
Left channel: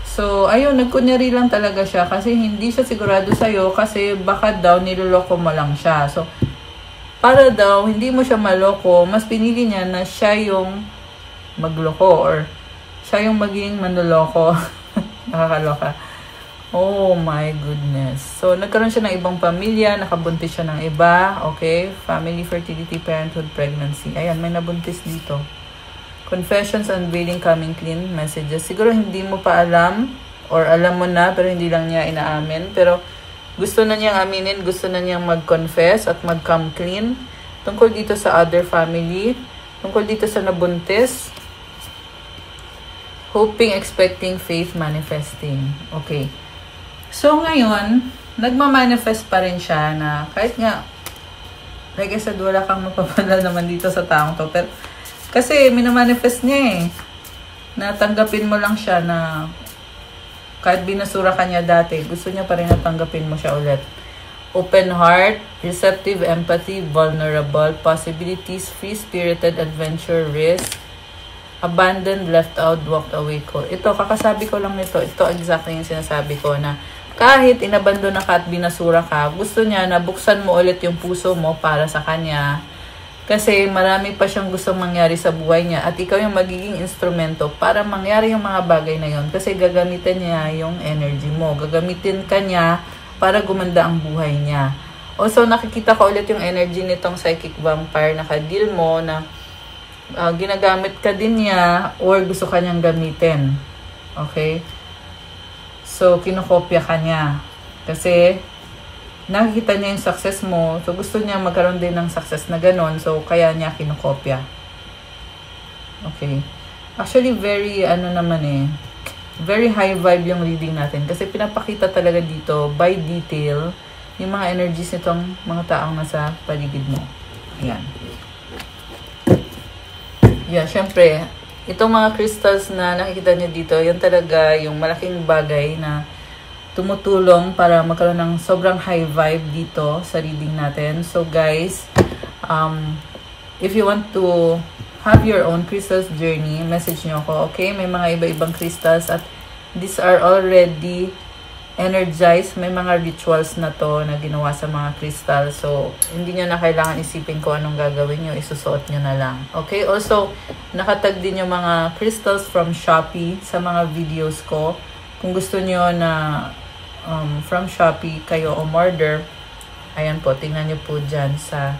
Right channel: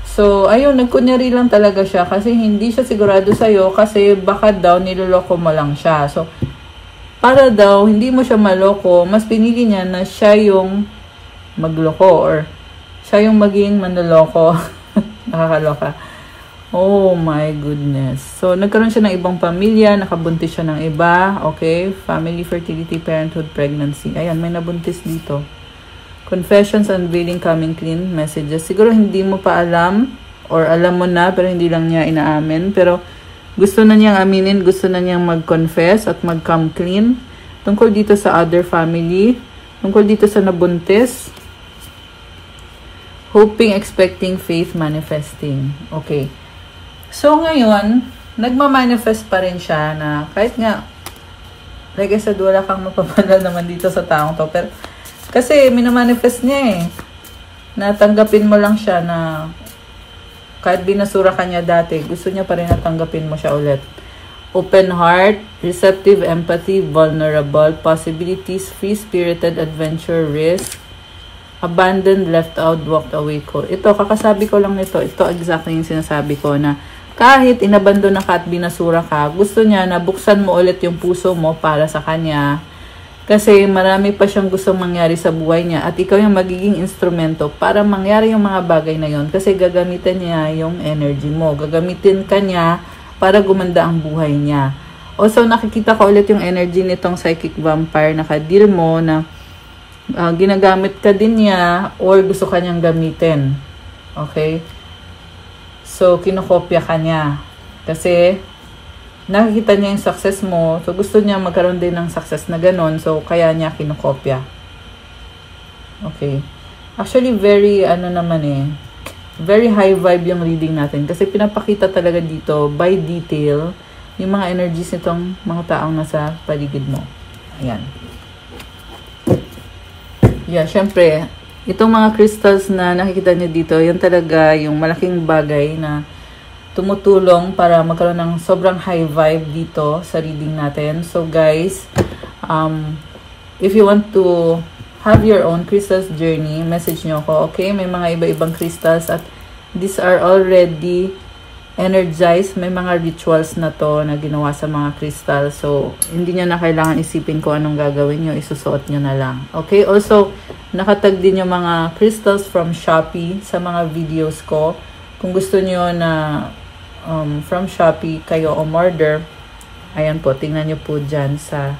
So, ayun, nagkunyari lang talaga siya kasi hindi siya sigurado sa'yo kasi baka daw niloloko mo lang siya. So, para daw, hindi mo siya maloko, mas pinili niya na siya yung magloko or siya yung maging manloloko. Nakakaloka. Oh my goodness. So, nagkaroon siya ng ibang pamilya, nakabuntis siya ng iba. Okay, family, fertility, parenthood, pregnancy. Ayan, may nabuntis dito. Confessions, unveiling, coming clean, messages. Siguro hindi mo pa alam, or alam mo na, pero hindi lang niya inaamin. Pero, gusto na niyang aminin, gusto na niyang mag-confess at mag-come clean. Tungkol dito sa other family, tungkol dito sa nabuntis. Hoping, expecting, faith, manifesting. Okay. So, ngayon, nagmamanifest pa rin siya na kahit nga, like I said, wala kang mapapala naman dito sa taong to. Pero, kasi, minamanifest niya eh. Natanggapin mo lang siya na kahit binasura ka niya dati, gusto niya pa rin natanggapin mo siya ulit. Open heart, receptive empathy, vulnerable, possibilities, free-spirited adventure, risk, abandoned, left out, walked away ko. Ito, kakasabi ko lang nito. Ito exactly yung sinasabi ko na kahit inabandon na ka at binasura ka, gusto niya na buksan mo ulit yung puso mo para sa kanya. Kasi marami pa siyang gustong mangyari sa buhay niya at ikaw yung magiging instrumento para mangyari yung mga bagay na yon. Kasi gagamitin niya yung energy mo. Gagamitin ka niya para gumanda ang buhay niya. Also, nakikita ko ulit yung energy nitong psychic vampire na kadir mo na ginagamit ka din niya or gusto ka niyang gamitin. Okay? So, kinokopya ka niya. Kasi, nakikita niya yung success mo. So, gusto niya magkaroon din ng success na ganon. So, kaya niya kinokopya. Okay. Actually, very, very high vibe yung reading natin. Kasi, pinapakita talaga dito, by detail, yung mga energies nitong mga taong nasa paligid mo. Ayan. Yeah, syempre, itong mga crystals na nakikita niyo dito, yun talaga yung malaking bagay na tumutulong para magkaroon ng sobrang high vibe dito sa reading natin. So guys, if you want to have your own crystals journey, message nyo ako, okay? May mga iba-ibang crystals at these are already energized. May mga rituals na to na ginawa sa mga crystal. So, hindi nyo na kailangan isipin kung anong gagawin nyo. Isusuot nyo na lang. Okay? Also, nakatag din yung mga crystals from Shopee sa mga videos ko. Kung gusto nyo na from Shopee kayo umorder, ayan po, tingnan nyo po dyan sa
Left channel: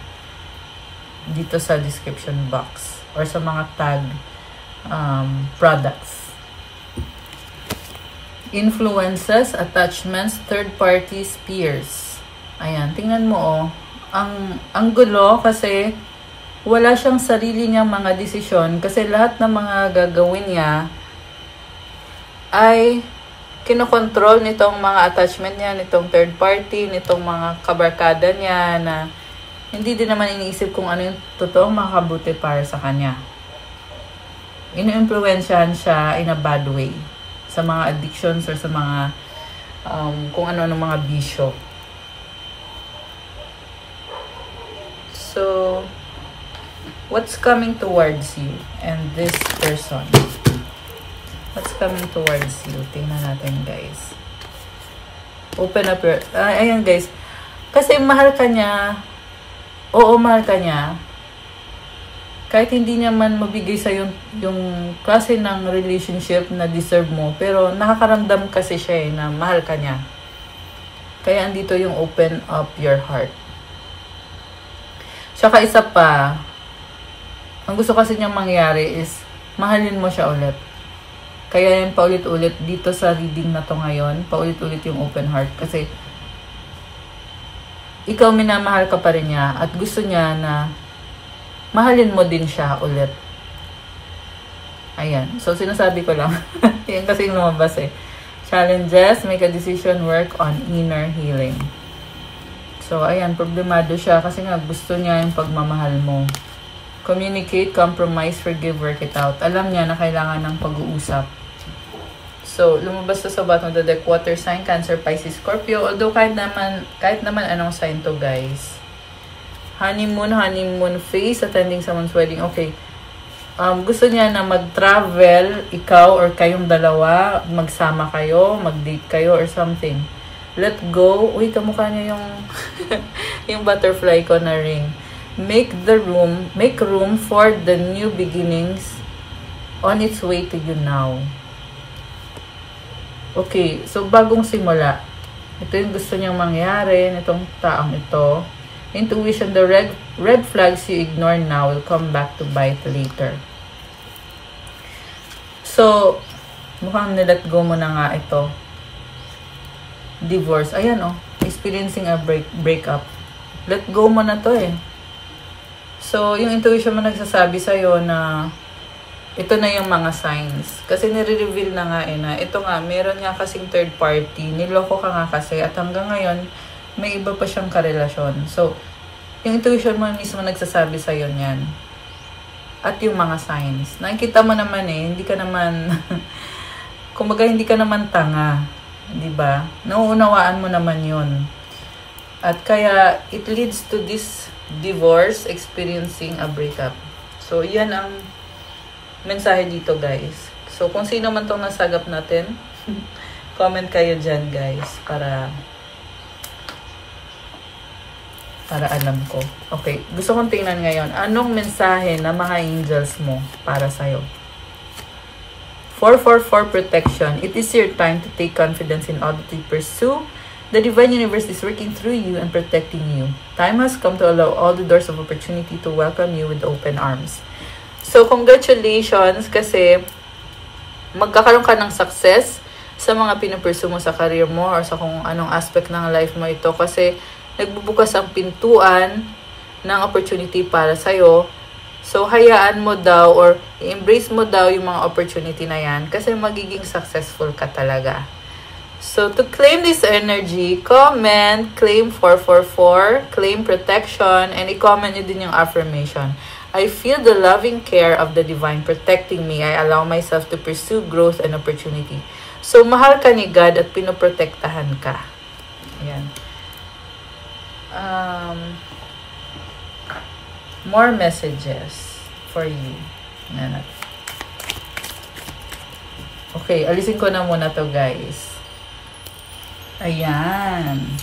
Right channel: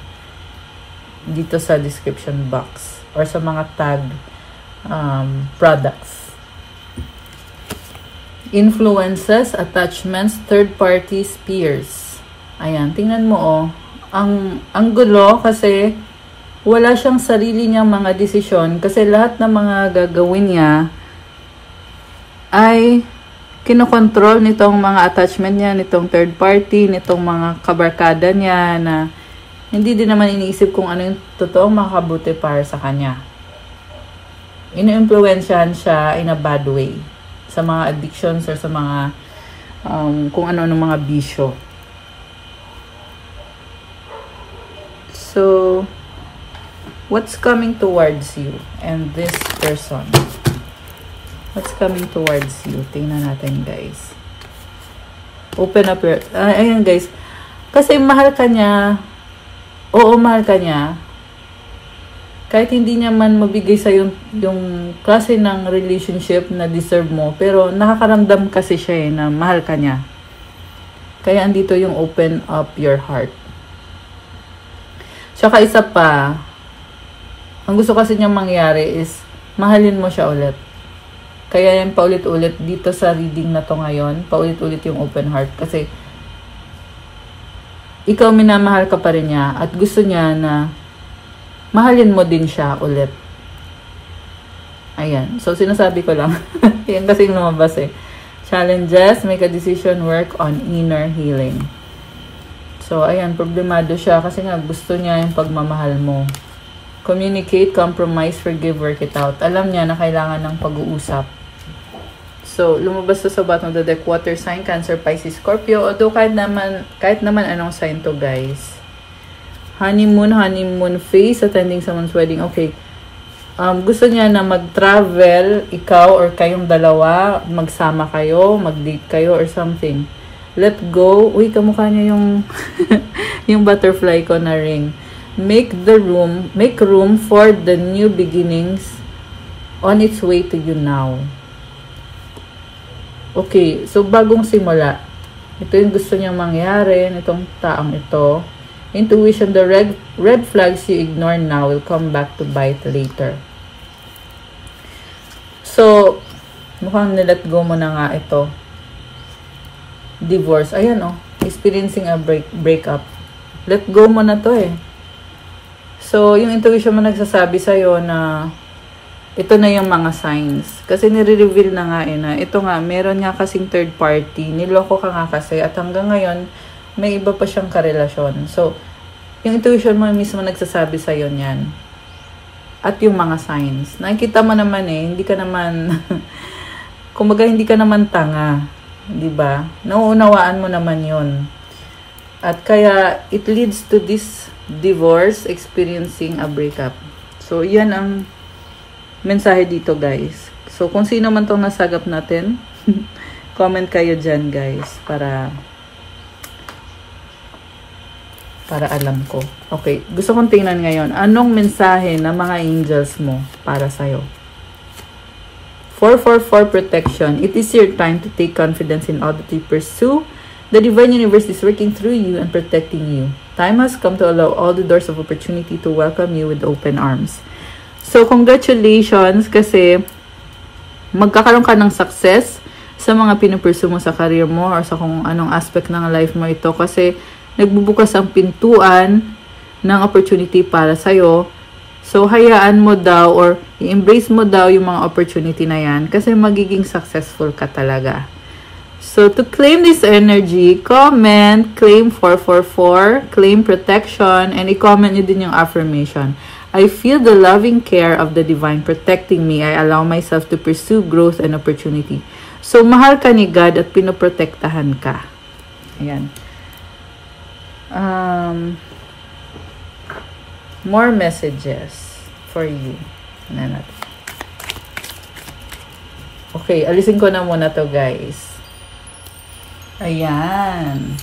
dito sa description box or sa mga tag products. Influences, attachments, third parties, peers. Ayan, tingnan mo oh. Ang gulo kasi wala siyang sarili niyang mga desisyon kasi lahat ng mga gagawin niya ay kinokontrol nitong mga attachment niya, nitong third party, nitong mga kabarkada niya na hindi din naman iniisip kung ano yung totoong makabuti para sa kanya. Ina-influensyahan siya in a bad way sa mga addictions or sa mga kung ano-ano mga bisyo. So, what's coming towards you and this person? What's coming towards you? Tingnan natin, guys. Open up your... ayan, guys. Kasi mahal ka niya. Oo, mahal ka niya. Kahit hindi niya man mabigay sa yung klase ng relationship na deserve mo, pero nakakaramdam kasi siya na mahal ka niya. Kaya andito yung open up your heart. Tsaka isa pa, ang gusto kasi niya mangyari is mahalin mo siya ulit. Kaya yan paulit-ulit dito sa reading na to ngayon, paulit-ulit yung open heart. Kasi ikaw minamahal ka pa rin niya at gusto niya na mahalin mo din siya ulit. Ayan. So, sinasabi ko lang. Yan kasi yung lumabas eh. Challenges, make a decision, work on inner healing. So, ayan. Problemado siya kasi nga gusto niya yung pagmamahal mo. Communicate, compromise, forgive, work it out. Alam niya na kailangan ng pag-uusap. So, lumabas sa bottom of the deck, water sign, Cancer, Pisces, Scorpio. Although, kahit naman anong sign to, guys. Honeymoon phase, attending someone's wedding. Okay. Gusto niya na mag-travel, ikaw or kayong dalawa, magsama kayo, mag-date kayo or something. Let go. Uy, kamukha niya yung yung butterfly ko na ring. Make room for the new beginnings on its way to you now. Okay, so bagong simula. Ito yung gusto niyang mangyari nitong taong ito. Intuition, the red flags you ignore now will come back to bite later. So, mukhang nilet go mo na nga ito. Divorce. Ayan oh, experiencing a breakup. Let go mo na to eh. So, yung intuition mo nagsasabi sa'yo na ito na yung mga signs. Kasi nire-reveal na nga na ito nga, meron nga kasing third party. Niloko ka nga kasi at hanggang ngayon, may iba pa siyang karelasyon. So, yung intuition mo mismo nagsasabi sa'yo niyan. At yung mga signs. Nakikita mo naman eh, hindi ka naman, kumbaga hindi ka naman tanga. Diba? Nauunawaan mo naman yun. At kaya, it leads to this divorce, experiencing a breakup. So, yan ang mensahe dito guys. So, kung sino man itong nasagap natin, comment kayo dyan guys para alam ko. Okay, gusto kong tingnan ngayon. Anong mensahe ng mga angels mo para sa'yo? 444 protection. It is your time to take confidence in all that you pursue. The divine universe is working through you and protecting you. Time has come to allow all the doors of opportunity to welcome you with open arms. So, congratulations kasi magkakaroon ka ng success sa mga pinupursue mo sa career mo or sa kung anong aspect ng life mo ito kasi nagbubukas ang pintuan ng opportunity para sa'yo. So, hayaan mo daw or i-embrace mo daw yung mga opportunity na yan kasi magiging successful ka talaga. So, to claim this energy, comment, claim 444, claim protection, and i-comment nyo din yung affirmation. I feel the loving care of the divine protecting me. I allow myself to pursue growth and opportunity. So, mahal ka ni God at pinoprotektahan ka. Ayan. More messages for you. Okay, alisin ko na muna to guys. Ayan.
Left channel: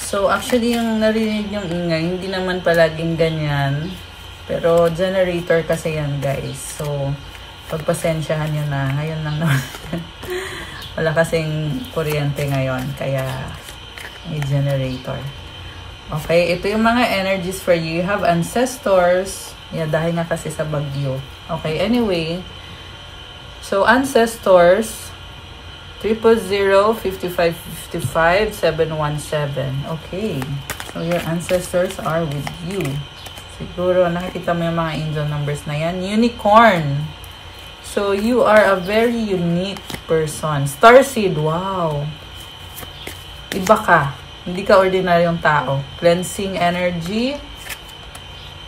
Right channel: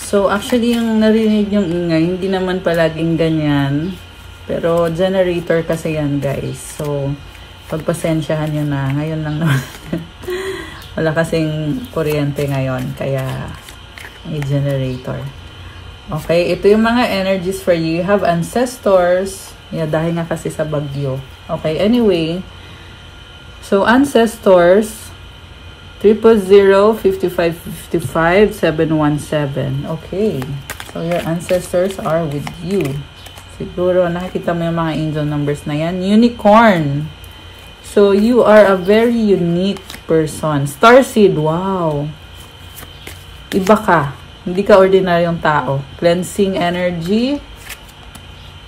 So, actually, yung narinig yung ingay, hindi naman palaging ganyan. Pero, generator kasi yan, guys. So, pagpasensyahan nyo na. Ngayon lang naman. Wala kasing kuryente ngayon. Kaya, may generator. Okay, ito yung mga energies for you. You have ancestors. Yeah, dahil nga kasi sa bagyo. Okay, anyway. So, ancestors, 000-5555-717. Okay. So, your ancestors are with you. Siguro, nakikita mo yung mga angel numbers na yan. Unicorn. So, you are a very unique person. Starseed, wow. Iba ka. Hindi ka ordinaryong tao. Cleansing energy.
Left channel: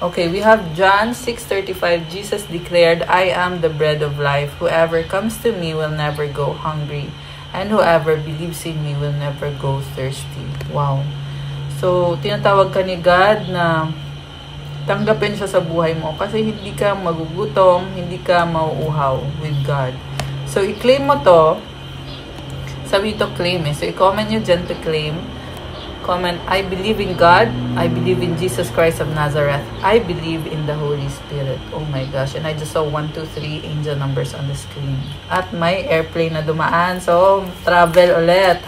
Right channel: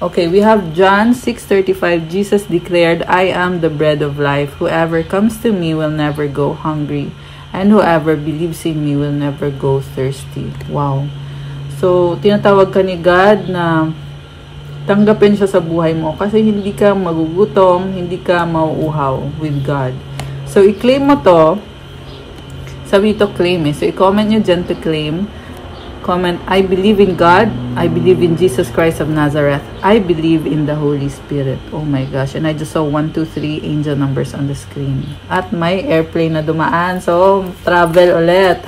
Okay, we have John 6:35. Jesus declared, I am the bread of life. Whoever comes to me will never go hungry. And whoever believes in me will never go thirsty. Wow. So, tinatawag ka ni God na tanggapin siya sa buhay mo kasi hindi ka magugutom, hindi ka mauuhaw with God. So, i-claim mo to. Sabi ito, claim eh. So, i-comment nyo dyan to claim. Comment, I believe in God. I believe in Jesus Christ of Nazareth. I believe in the Holy Spirit. Oh my gosh. And I just saw 1, 2, 3 angel numbers on the screen. At may airplane na dumaan. So, travel ulit.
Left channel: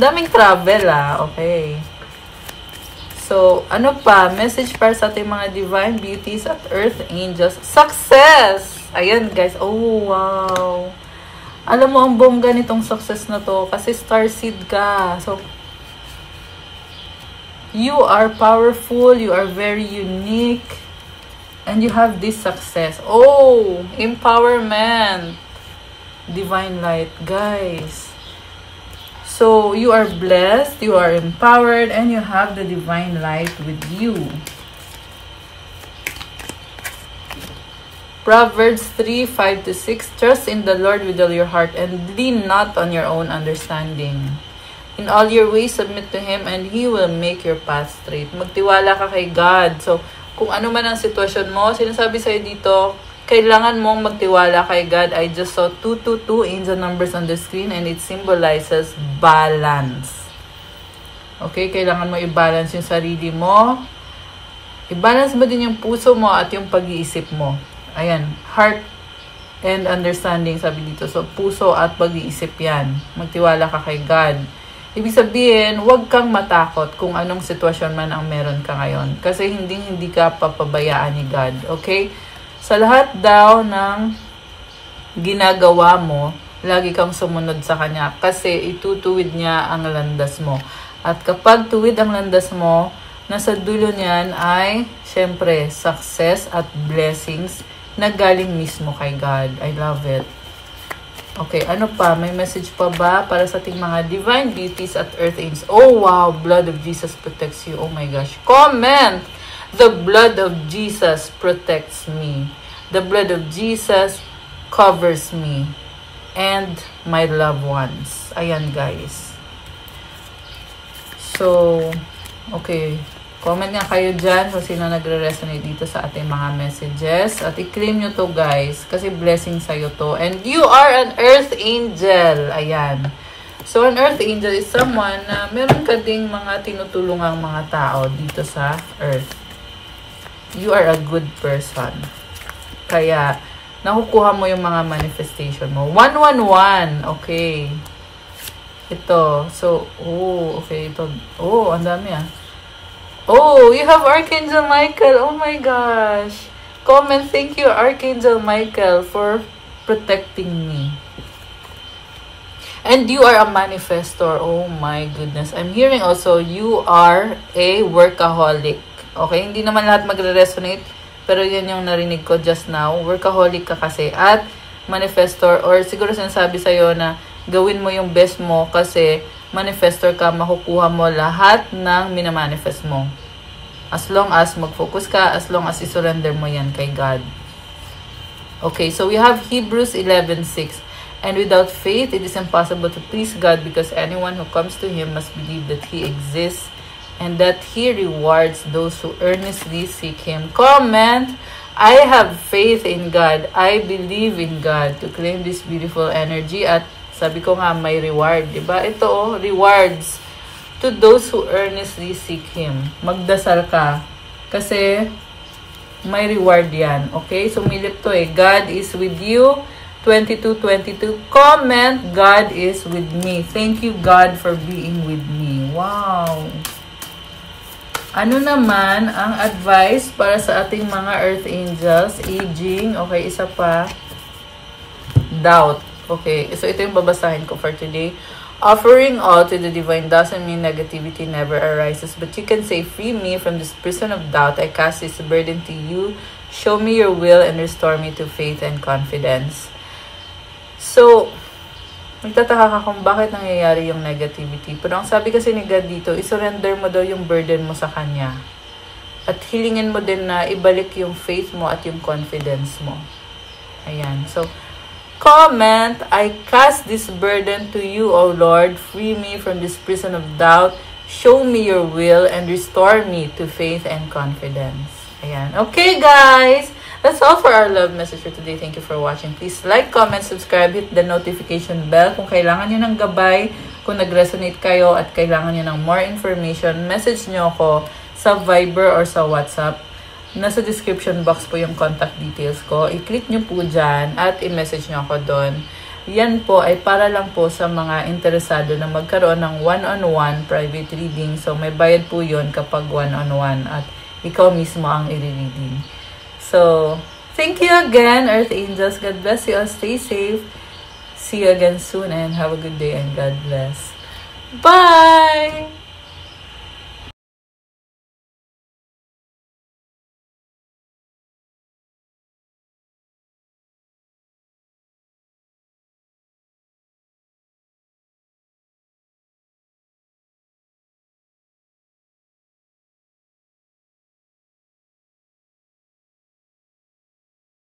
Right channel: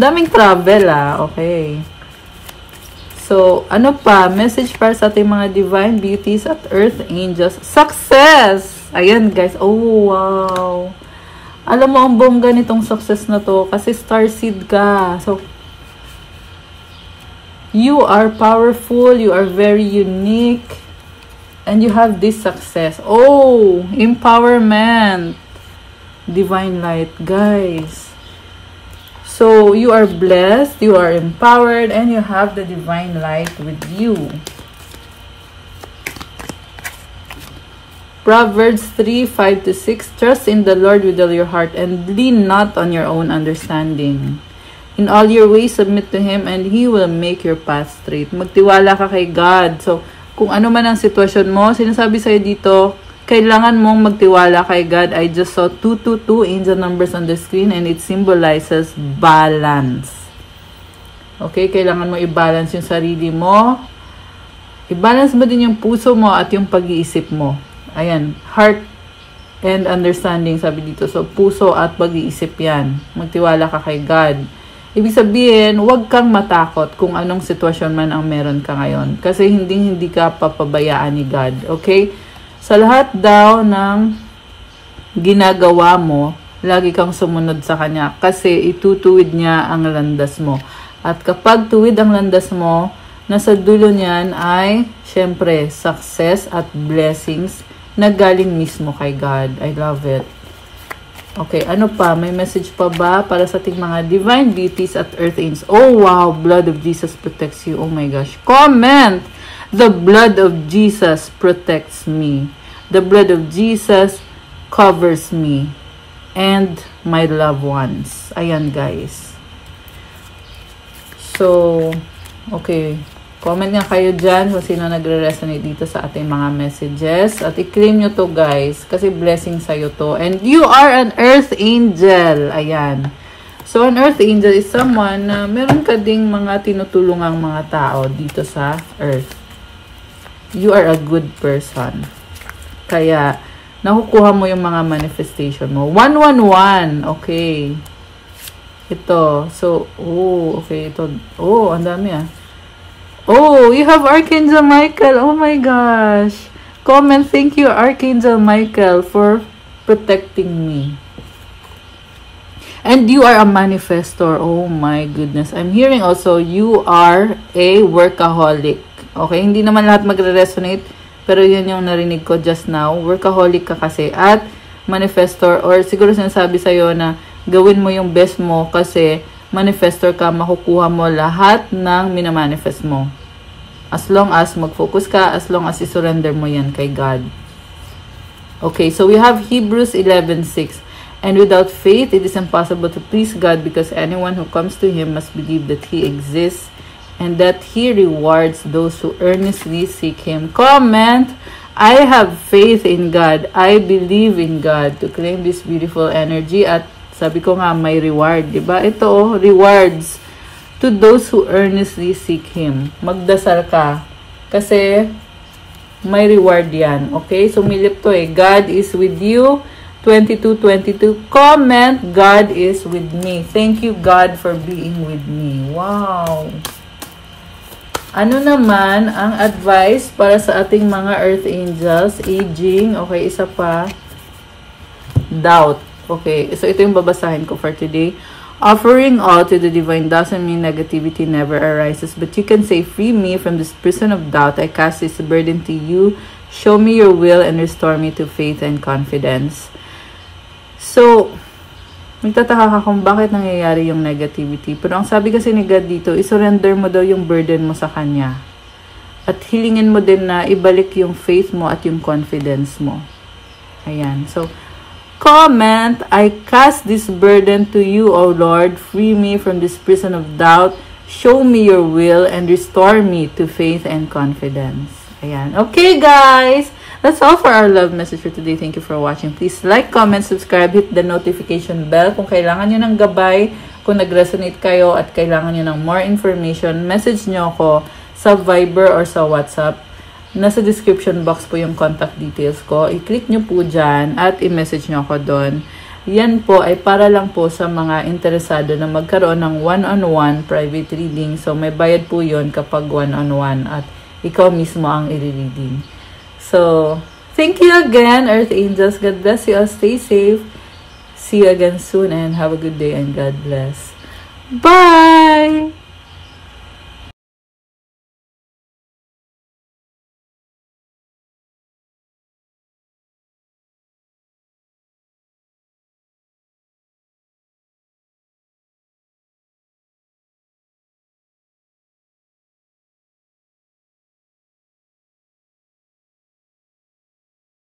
Daming travel ah. Okay. So, ano pa? Message para sa ating mga divine beauties at earth angels. Success! Ayan guys. Oh, wow. Alam mo, ang bongga nitong success na to. Kasi starseed ka. So, you are powerful. You are very unique. And you have this success. Oh, empowerment. Divine light. Guys. So, you are blessed, you are empowered, and you have the divine light with you. Proverbs 3:5-6. Trust in the Lord with all your heart and lean not on your own understanding. In all your ways, submit to Him and He will make your path straight. Magtiwala ka kay God. So, kung ano man ang sitwasyon mo, sinasabi sa'yo dito, kailangan mong magtiwala kay God. I just saw 222 angel numbers on the screen and it symbolizes balance. Okay, kailangan mo i-balance yung sarili mo. I-balance mo din yung puso mo at yung pag-iisip mo. Ayan, heart and understanding, sabi dito. So, puso at pag-iisip yan. Magtiwala ka kay God. Ibig sabihin, huwag kang matakot kung anong sitwasyon man ang meron ka ngayon. Kasi hindi ka papabayaan ni God. Okay? Sa lahat daw ng ginagawa mo, lagi kang sumunod sa Kanya. Kasi itutuwid niya ang landas mo. At kapag tuwid ang landas mo, nasa dulo niyan ay, syempre, success at blessings na galing mismo kay God. I love it. Okay, ano pa? May message pa ba para sa ating mga divine beauties at earth angels? Oh, wow! Blood of Jesus protects you. Oh my gosh. Comment! The blood of Jesus protects me. The blood of Jesus covers me and my loved ones. Ayan, guys. So, okay. Comment nga kayo dyan kung sino nagre-resonate dito sa ating mga messages. At i-claim nyo to, guys. Kasi blessing sa'yo to. And you are an earth angel. Ayan. So, an earth angel is someone na meron ka ding mga tinutulungang mga tao dito sa earth. You are a good person. Kaya, nakukuha mo yung mga manifestation mo. 111. Okay. Ito. So, oh, okay. Ito. Oh, ang dami ah. Oh, you have Archangel Michael. Oh my gosh. Comment, thank you, Archangel Michael, for protecting me. And you are a manifestor. Oh my goodness. I'm hearing also, you are a workaholic. Okay, hindi naman lahat magre-resonate, pero yun yung narinig ko just now. Workaholic ka kasi. At manifestor, or siguro sinasabi sa'yo na gawin mo yung best mo kasi manifestor ka, makukuha mo lahat ng minamanifest mo. As long as mag-focus ka, as long as i-surrender mo yan kay God. Okay, so we have Hebrews 11:6. And without faith, it is impossible to please God because anyone who comes to Him must believe that He exists and that He rewards those who earnestly seek Him. Comment, I have faith in God. I believe in God, to claim this beautiful energy. At sabi ko nga, may reward, diba? Ito, oh, rewards to those who earnestly seek Him. Magdasal ka. Kasi, may reward yan. Okay? Sumilip to eh. God is with you. 22:22. Comment, God is with me. Thank you, God, for being with me. Wow! Ano naman ang advice para sa ating mga earth angels? Aging. Okay, isa pa. Doubt. Okay, so ito yung babasahin ko for today. Offering all to the divine doesn't mean negativity never arises, but you can say, free me from this prison of doubt. I cast this burden to you. Show me your will and restore me to faith and confidence. So, nagtataka ka kung bakit nangyayari yung negativity. Pero ang sabi kasi ni God dito, isurrender mo daw yung burden mo sa Kanya. At hilingin mo din na ibalik yung faith mo at yung confidence mo. Ayan. So, comment, I cast this burden to you, O Lord. Free me from this prison of doubt. Show me your will and restore me to faith and confidence. Ayan. Okay, guys. That's all for our love message for today. Thank you for watching. Please like, comment, subscribe, hit the notification bell. Kung kailangan nyo ng gabay, kung nag-resonate kayo at kailangan nyo ng more information, message nyo ako sa Viber or sa WhatsApp. Nasa description box po yung contact details ko. I-click nyo po dyan at i-message nyo ako doon. Yan po ay para lang po sa mga interesado na magkaroon ng one-on-one private reading. So, may bayad po yun kapag one-on-one at ikaw mismo ang i-reading. So, thank you again, Earth Angels. God bless you all. Stay safe. See you again soon and have a good day and God bless. Bye!